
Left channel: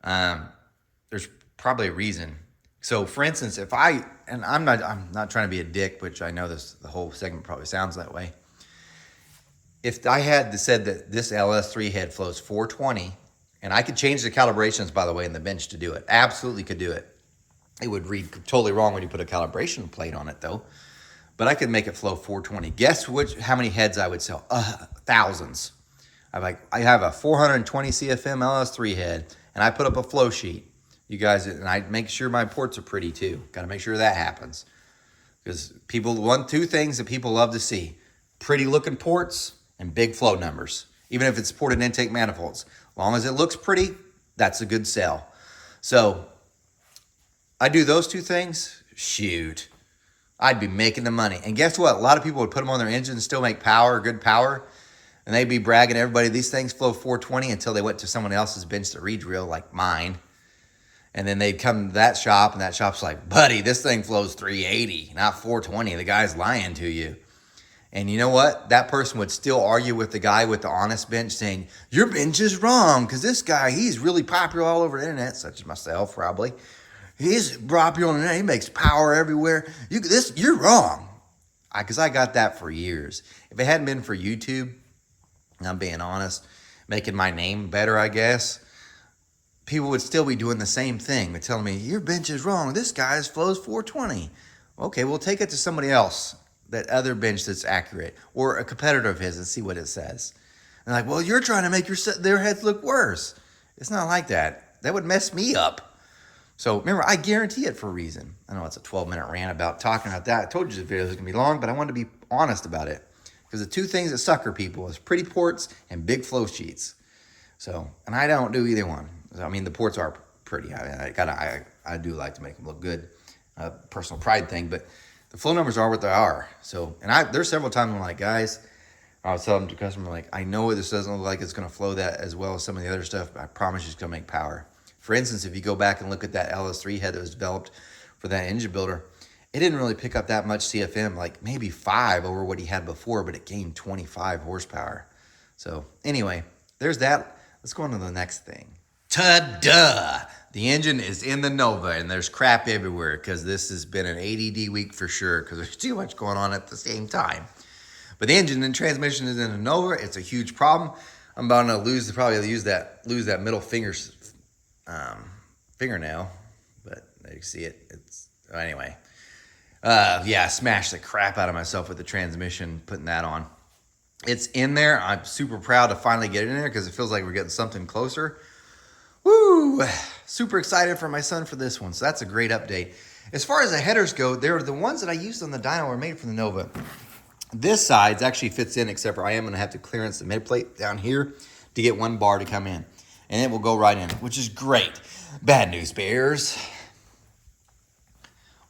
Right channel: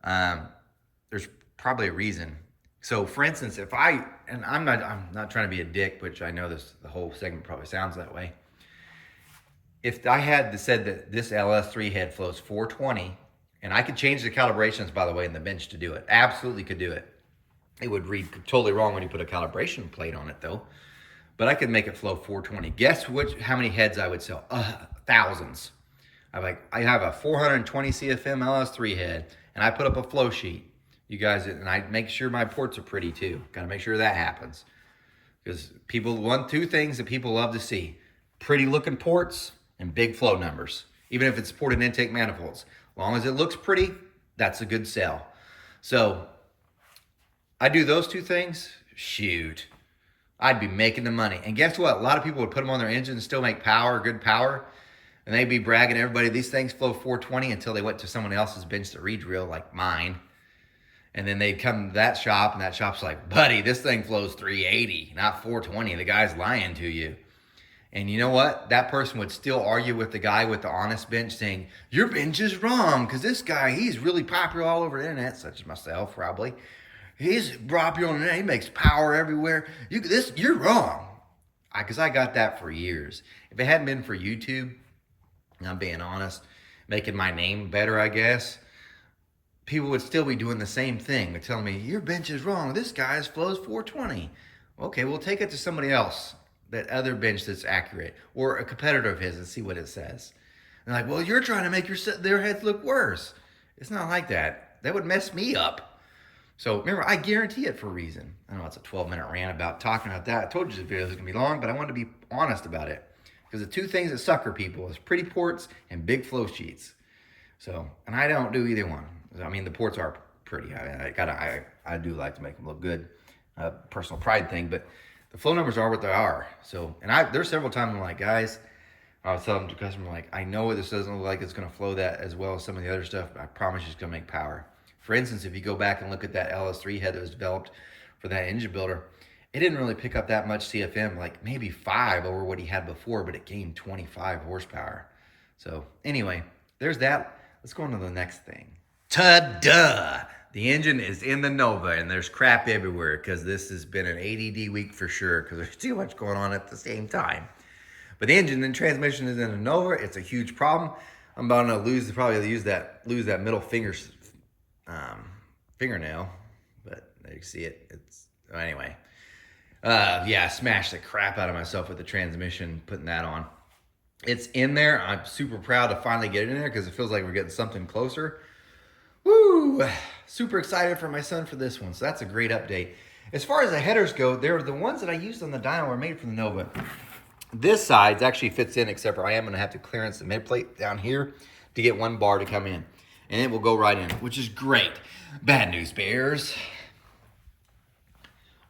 there's probably a reason. So for instance, if I'm not trying to be a dick, which I know the whole segment probably sounds that way. If I had said that this LS3 head flows 420, and I could change the calibrations, by the way, in the bench to do it, absolutely could do it. It would read totally wrong when you put a calibration plate on it though. But I could make it flow 420. Guess how many heads I would sell? Thousands. I have a 420 CFM LS3 head, and I put up a flow sheet. You guys, and I make sure my ports are pretty too. Got to make sure that happens. Because two things that people love to see: pretty looking ports and big flow numbers. Even if it's ported intake manifolds. As long as it looks pretty, that's a good sell. So I do those two things, shoot, I'd be making the money. And guess what? A lot of people would put them on their engine and still make power, good power. And they'd be bragging to everybody, these things flow 420 until they went to someone else's bench that reads real, like mine. And then they'd come to that shop, and that shop's like, buddy, this thing flows 380, not 420. The guy's lying to you. And you know what? That person would still argue with the guy with the honest bench saying, your bench is wrong because this guy, he's really popular all over the internet, such as myself probably. He's popular on the internet. He makes power everywhere. You're wrong. Because I got that for years. If it hadn't been for YouTube, and I'm being honest, making my name better, I guess, people would still be doing the same thing. They're telling me, your bench is wrong. This guy's flows 420. Okay, we'll take it to somebody else, that other bench that's accurate, or a competitor of his, and see what it says. And like, well, you're trying to make their heads look worse. It's not like that. That would mess me up. So remember, I guarantee it for a reason. I know it's a 12-minute rant about talking about that. I told you this video was going to be long, but I wanted to be honest about it. Because the two things that sucker people is pretty ports and big flow sheets. So, and I don't do either one. I mean, the ports are pretty. I do like to make them look good. Personal pride thing, but the flow numbers are what they are. So, and there's several times I'm like, guys, I was telling the customer, like, I know this doesn't look like it's going to flow that as well as some of the other stuff, but I promise you it's going to make power. For instance, if you go back and look at that LS3 head that was developed for that engine builder, it didn't really pick up that much CFM, like maybe 5 over what he had before, but it gained 25 horsepower. So anyway, there's that. Let's go on to the next thing. Ta-da! The engine is in the Nova, and there's crap everywhere because this has been an ADD week for sure because there's too much going on at the same time. But the engine and transmission is in the Nova. It's a huge problem. I'm about to lose that middle fingernail, but you see it. Anyway. I smashed the crap out of myself with the transmission, putting that on. It's in there. I'm super proud to finally get it in there because it feels like we're getting something closer. Woo! Super excited for my son for this one. So that's a great update. As far as the headers go, they're the ones that I used on the Dyno were made for the Nova. This side actually fits in, except for I am going to have to clearance the mid plate down here to get one bar to come in. And it will go right in, which is great. Bad news bears.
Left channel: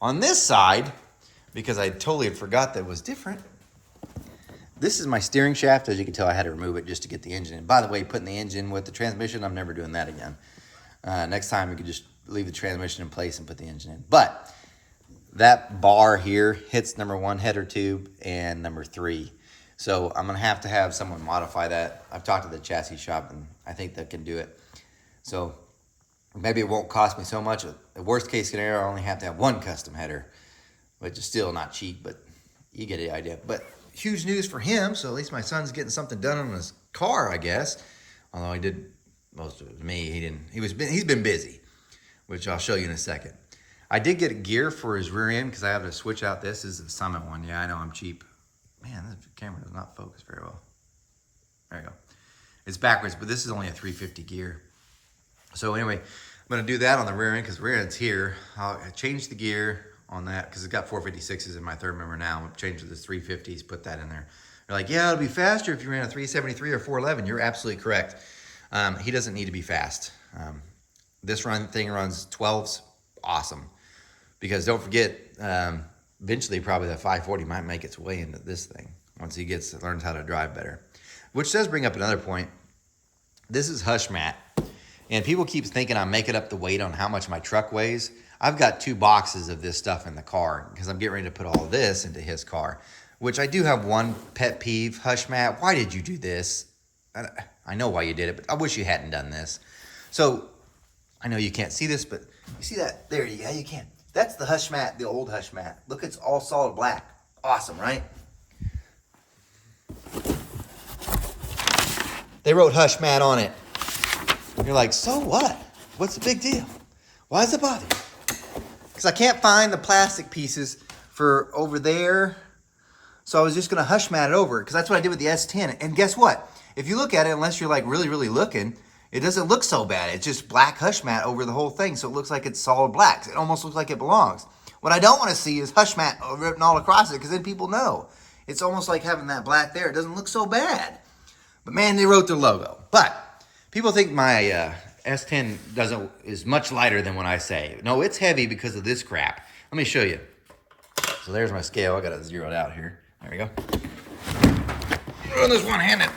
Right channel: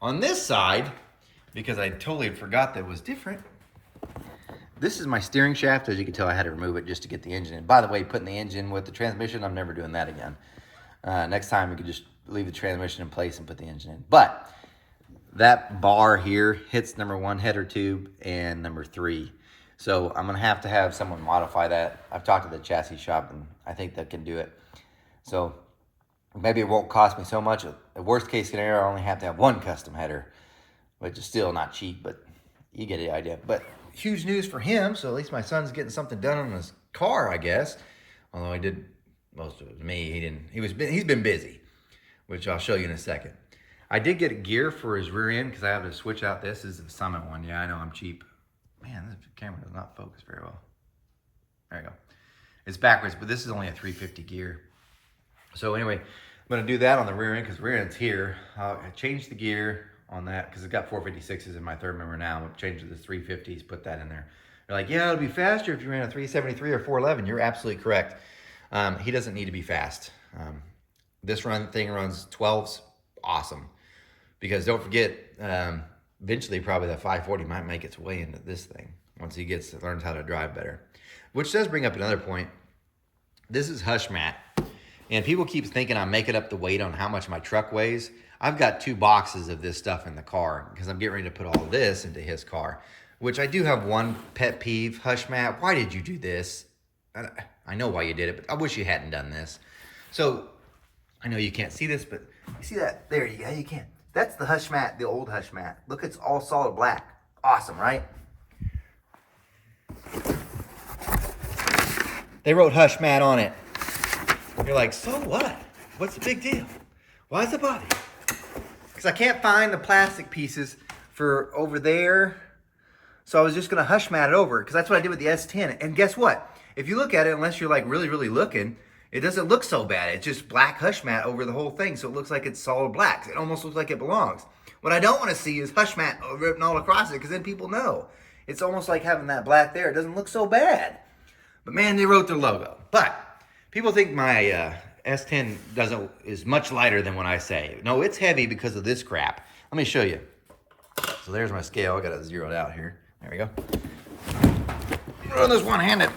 On this side, because I totally forgot that it was different, this is my steering shaft. As you can tell, I had to remove it just to get the engine in. By the way, putting the engine with the transmission, I'm never doing that again. Next time, we could just leave the transmission in place and put the engine in. But that bar here hits number 1 header tube and number 3. So I'm going to have someone modify that. I've talked to the chassis shop, and I think they can do it. So maybe it won't cost me so much. The worst case scenario, I only have to have 1 custom header, which is still not cheap, but you get the idea. But huge news for him, so at least my son's getting something done on his car, I guess. Although I did most of it. Me, he didn't. He's been busy, which I'll show you in a second. I did get a gear for his rear end because I have to switch out. This is the Summit one. Yeah, I know I'm cheap. Man, this camera does not focus very well. There you go. It's backwards, but this is only a 350 gear. So anyway, I'm gonna do that on the rear end because the rear end's here. I'll change the gear on that because it's got 456s in my third member now. I'm change to the 350s, put that in there. They're like, yeah, it'll be faster if you ran a 373 or 411. You're absolutely correct. He doesn't need to be fast. This thing runs 12s, awesome. Because don't forget, eventually probably the 540 might make its way into this thing once he learns how to drive better. Which does bring up another point. This is hush mat. And people keep thinking I'm making up the weight on how much my truck weighs. I've got 2 boxes of this stuff in the car because I'm getting ready to put all of this into his car, which I do have one pet peeve. Hush mat, why did you do this? I know why you did it, but I wish you hadn't done this. So I know you can't see this, but you see that? There you go, you can. That's the hush mat, the old hush mat. Look, it's all solid black. Awesome, right? They wrote hush mat on it. You're like, so what? What's the big deal? Why does it bother you? Because I can't find the plastic pieces for over there. So I was just going to hush mat it over because that's what I did with the S10. And guess what? If you look at it, unless you're like really, really looking, it doesn't look so bad. It's just black hush mat over the whole thing. So it looks like it's solid black. It almost looks like it belongs. What I don't want to see is hush mat written all across it because then people know. It's almost like having that black there. It doesn't look so bad. But man, they wrote their logo. But people think my S10 is much lighter than what I say. No, it's heavy because of this crap. Let me show you. So there's my scale. I got it zeroed out here. There we go. Run this one-handed.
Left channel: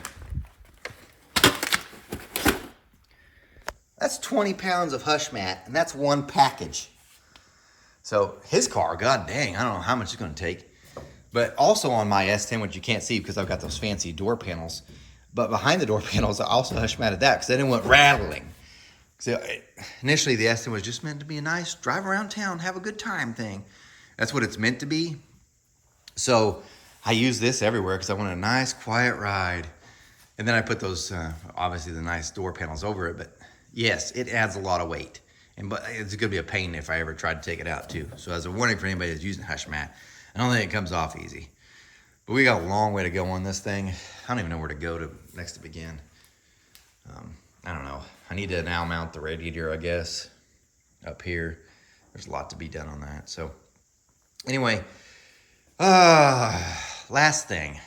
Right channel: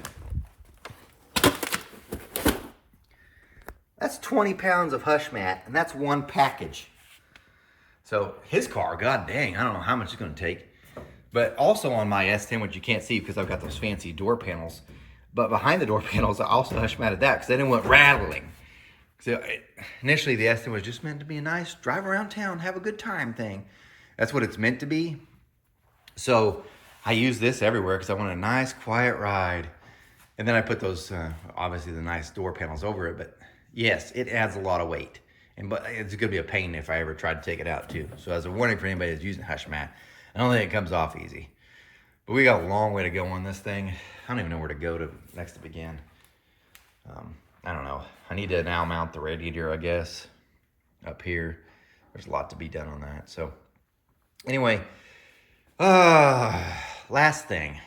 That's 20 pounds of hush mat, and that's one package. So his car, god dang, I don't know how much it's going to take. But also on my S10, which you can't see because I've got those fancy door panels. But behind the door panels, I also hush matted that because then it went rattling. So initially, the S10 was just meant to be a nice drive around town, have a good time thing. That's what it's meant to be. So I use this everywhere because I want a nice, quiet ride. And then I put those, obviously, the nice door panels over it. But yes, it adds a lot of weight. But it's going to be a pain if I ever try to take it out, too. So as a warning for anybody that's using hush mat, I don't think it comes off easy. But we got a long way to go on this thing. I don't even know where to go to next to begin. I don't know. I need to now mount the radiator, I guess, up here. There's a lot to be done on that. So anyway, last thing.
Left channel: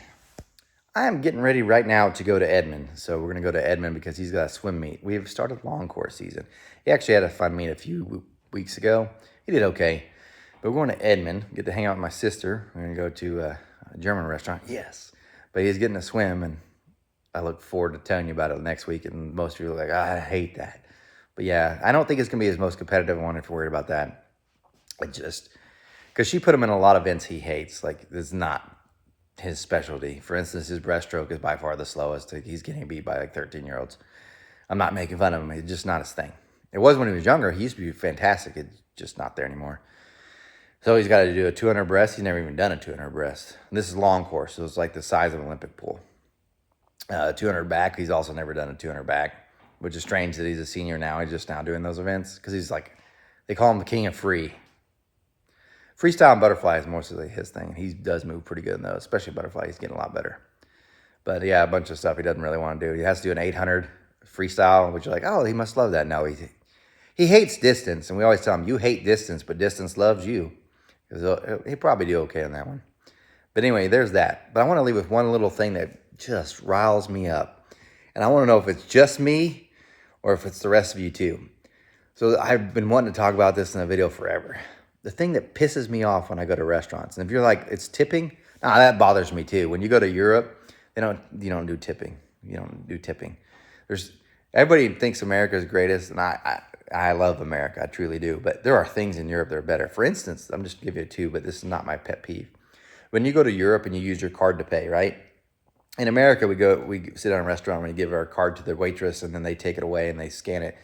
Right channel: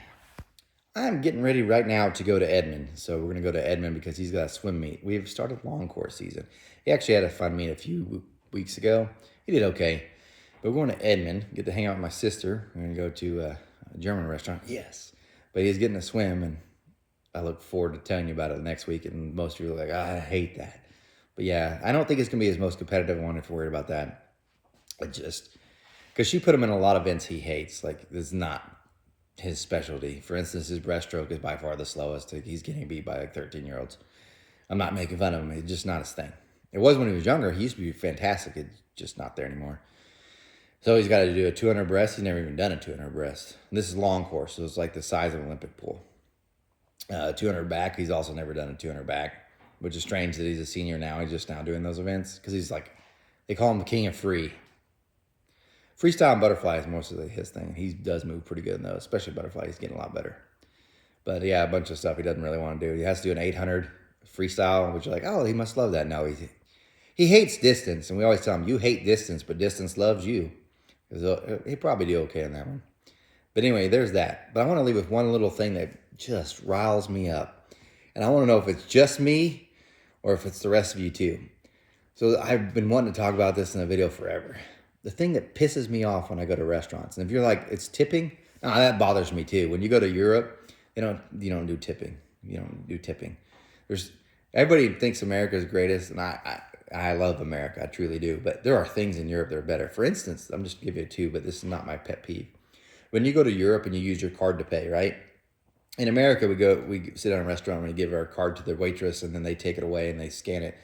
I'm getting ready right now to go to Edmond. So we're going to go to Edmond because he's got a swim meet. We've started long course season. He actually had a fun meet a few weeks ago. He did okay. But we're going to Edmond, get to hang out with my sister. We're going to go to a German restaurant. Yes. But he's getting a swim, and I look forward to telling you about it next week. And most of you are like, I hate that. But yeah, I don't think it's going to be his most competitive one if you're worried about that. Because she put him in a lot of events he hates. Like, it's not his specialty. For instance, his breaststroke is by far the slowest. He's getting beat by like 13-year-olds. I'm not making fun of him. It's just not his thing. It was when he was younger. He used to be fantastic. It's just not there anymore. So he's got to do a 200 breast. He's never even done a 200 breast. And this is long course, so it's like the size of an Olympic pool. 200 back, he's also never done a 200 back, which is strange that he's a senior now. He's just now doing those events because he's like, they call him the king of free. Freestyle and butterfly is mostly his thing. He does move pretty good in those, especially butterfly. He's getting a lot better. But yeah, a bunch of stuff he doesn't really want to do. He has to do an 800 freestyle, which you're like, oh, he must love that. No, he hates distance. And we always tell him, you hate distance, but distance loves you. He'll probably do okay on that one. But anyway, there's that. But I want to leave with one little thing that just riles me up. And I want to know if it's just me or if it's the rest of you too. So I've been wanting to talk about this in a video forever. The thing that pisses me off when I go to restaurants, and if you're like, it's tipping, nah, that bothers me too. When you go to Europe, you don't do tipping. You don't do tipping. Everybody thinks America's greatest, and I love America, I truly do. But there are things in Europe that are better. For instance, I'm just giving you two, but this is not my pet peeve. When you go to Europe and you use your card to pay, right? In America, we sit down in a restaurant and we give our card to the waitress, and then they take it away and they scan it.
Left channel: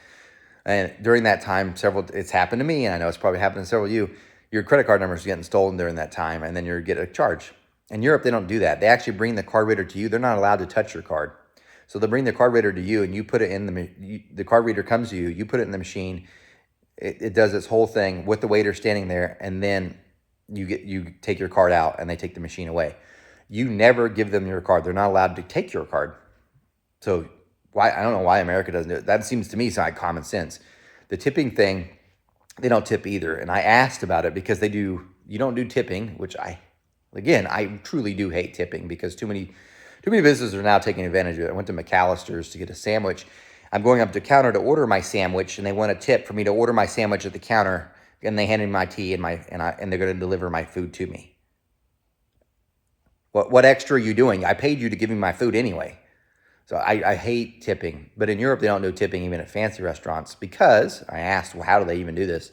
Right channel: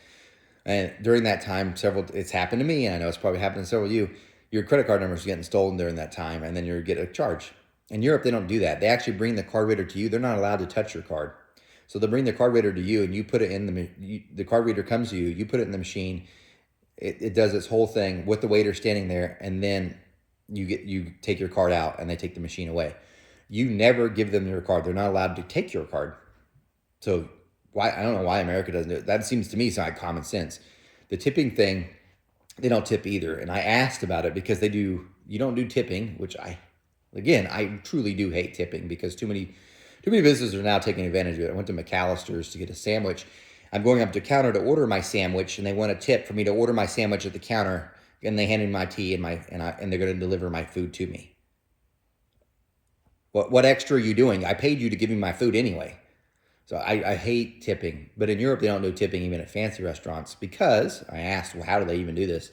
And during that time, it's happened to me, and I know it's probably happened to several of you. Your credit card number is getting stolen during that time, and then you get a charge. In Europe, they don't do that. They actually bring the card reader to you. They're not allowed to touch your card. So they'll bring the card reader to you, and you put it in the card reader comes to you. You put it in the machine. It does this whole thing with the waiter standing there, and then you take your card out, and they take the machine away. You never give them your card. They're not allowed to take your card. So why, I don't know why America doesn't do it. That seems to me like common sense. The tipping thing, they don't tip either. And I asked about it because you don't do tipping, which again, I truly do hate tipping because too many businesses are now taking advantage of it. I went to McAllister's to get a sandwich. I'm going up to the counter to order my sandwich, and they want a tip for me to order my sandwich at the counter, and they hand me my tea and they're going to deliver my food to me. What extra are you doing? I paid you to give me my food anyway. So I hate tipping. But in Europe, they don't do tipping even at fancy restaurants because I asked, well, how do they even do this?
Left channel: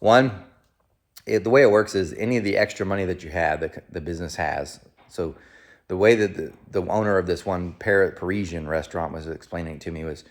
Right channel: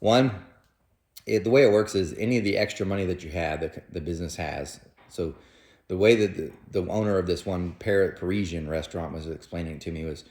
One, the way it works is any of the extra money that you have, the business has. So the way that the owner of this one Parisian restaurant was explaining it to me was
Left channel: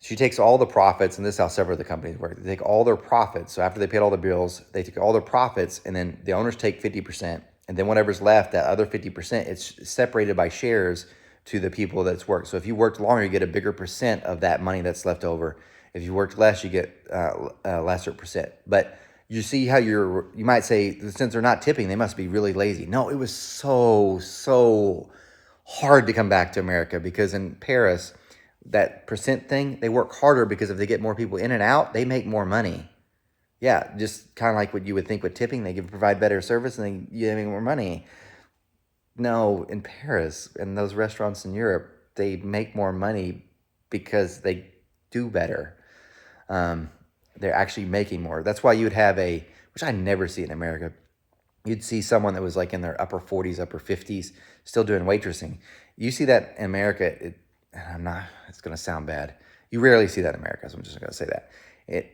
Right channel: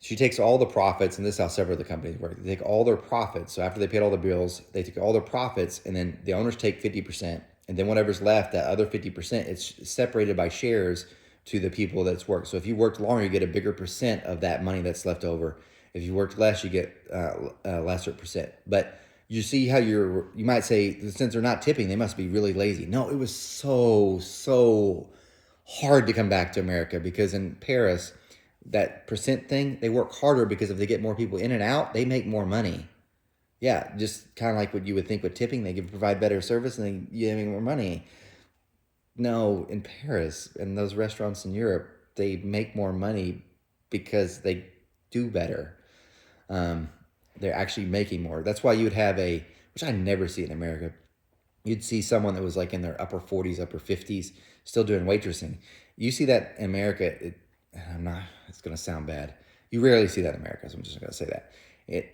she takes all the profits, and this is how several of the companies work. They take all their profits. So after they paid all the bills, they take all their profits, and then the owners take 50%. And then whatever's left, that other 50%, it's separated by shares to the people that's worked. So if you worked longer, you get a bigger percent of that money that's left over. If you worked less, you get a lesser percent. But you see how you might say, since they're not tipping, they must be really lazy. No, it was so hard to come back to America because in Paris, that percent thing, they work harder because if they get more people in and out, they make more money. Yeah, just kind of like what you would think with tipping. They provide better service and you make more money. No, in Paris and those restaurants in Europe, they make more money because they do better. They're actually making more. That's why you would have which I never see in America. You'd see someone that was like in their upper 40s, upper 50s, still doing waitressing. You see that in America. It's going to sound bad. You rarely see that in America, so I'm just going to say that.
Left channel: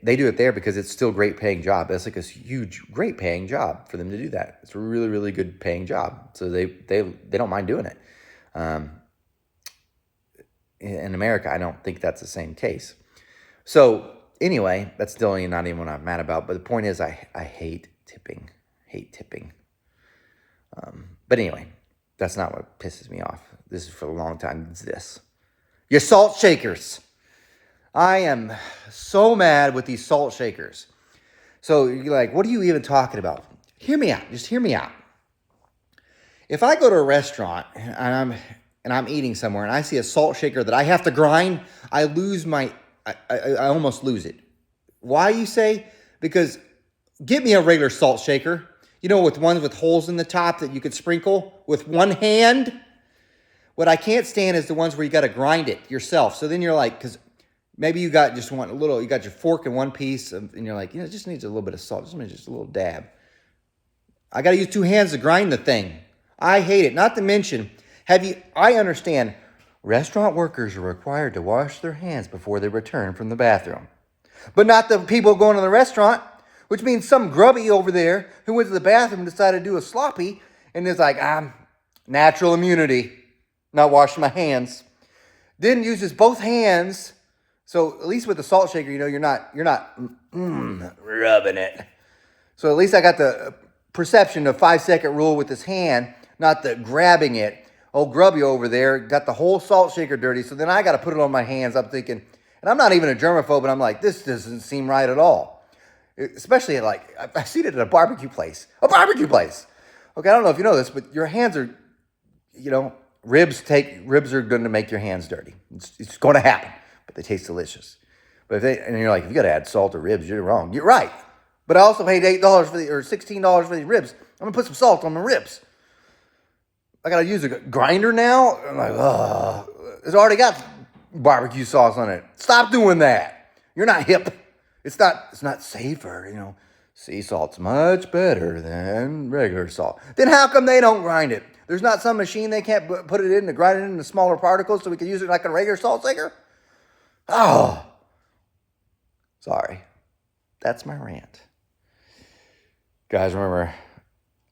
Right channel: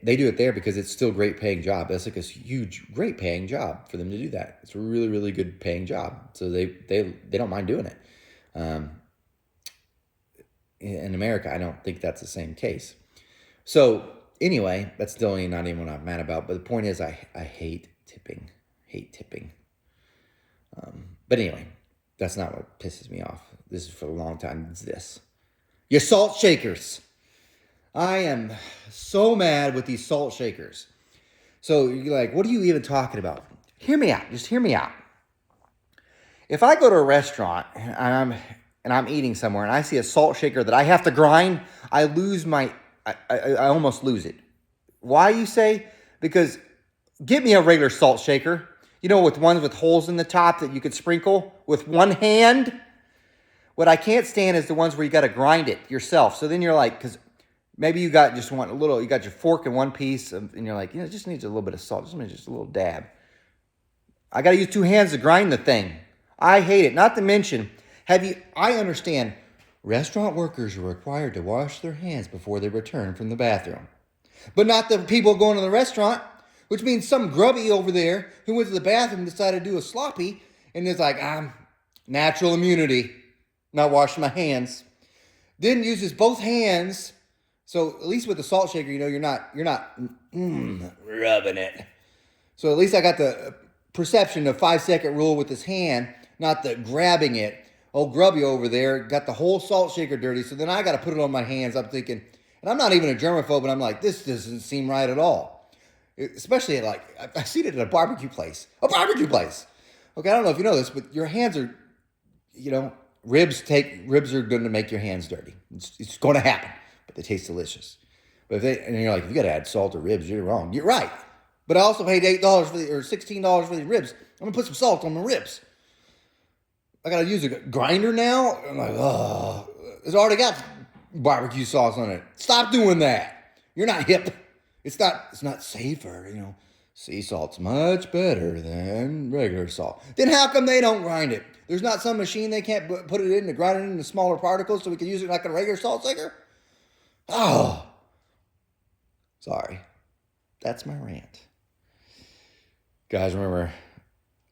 They do it there because it's still a great paying job. That's like a huge, great paying job for them to do that. It's a really, really good paying job. So they don't mind doing it. In America, I don't think that's the same case. So anyway, that's still not even what I'm mad about. But the point is, I hate tipping. But anyway, that's not what pisses me off. This is for a long time. It's this. Your salt shakers. I am so mad with these salt shakers. So you're like, what are you even talking about? Hear me out. Just hear me out. If I go to a restaurant and I'm eating somewhere and I see a salt shaker that I have to grind, I almost lose it. Why, you say? Because get me a regular salt shaker. You know, with ones with holes in the top that you could sprinkle with one hand. What I can't stand is the ones where you got to grind it yourself. So then you're like, because maybe you got your fork in one piece, and you're like, it just needs a little bit of salt, just a little dab. I got to use two hands to grind the thing. I hate it. Not to mention, I understand restaurant workers are required to wash their hands before they return from the bathroom. But not the people going to the restaurant, which means some grubby over there who went to the bathroom and decided to do a sloppy, and is like, natural immunity, not washing my hands. Then uses both hands. So at least with the salt shaker, you're not rubbing it. So at least I got the perception of 5-second rule with his hand, not the grabbing it. Old grubby over there got the whole salt shaker dirty. So then I got to put it on my hands. I'm thinking, and I'm not even a germaphobe, but I'm like, this doesn't seem right at all. Especially I see it at a barbecue place. Okay, I don't know if you know this, but your hands are, ribs are going to make your hands dirty. It's going to happen. But they taste delicious. But and you're like, if you got to add salt to ribs, you're wrong. You're right. But I also paid $8 or $16 for these ribs. I'm going to put some salt on my ribs. I got to use a grinder now? I'm like, it's already got barbecue sauce on it. Stop doing that. You're not hip. It's not safer, Sea salt's much better than regular salt. Then how come they don't grind it? There's not some machine they can't put it in to grind it into smaller particles so we can use it like a regular salt shaker? Oh, sorry. That's my rant. Guys, remember,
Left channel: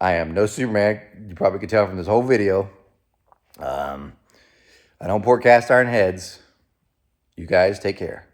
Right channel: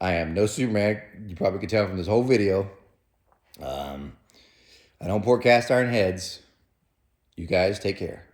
I am no Superman. You probably could tell from this whole video. I don't pour cast iron heads. You guys take care.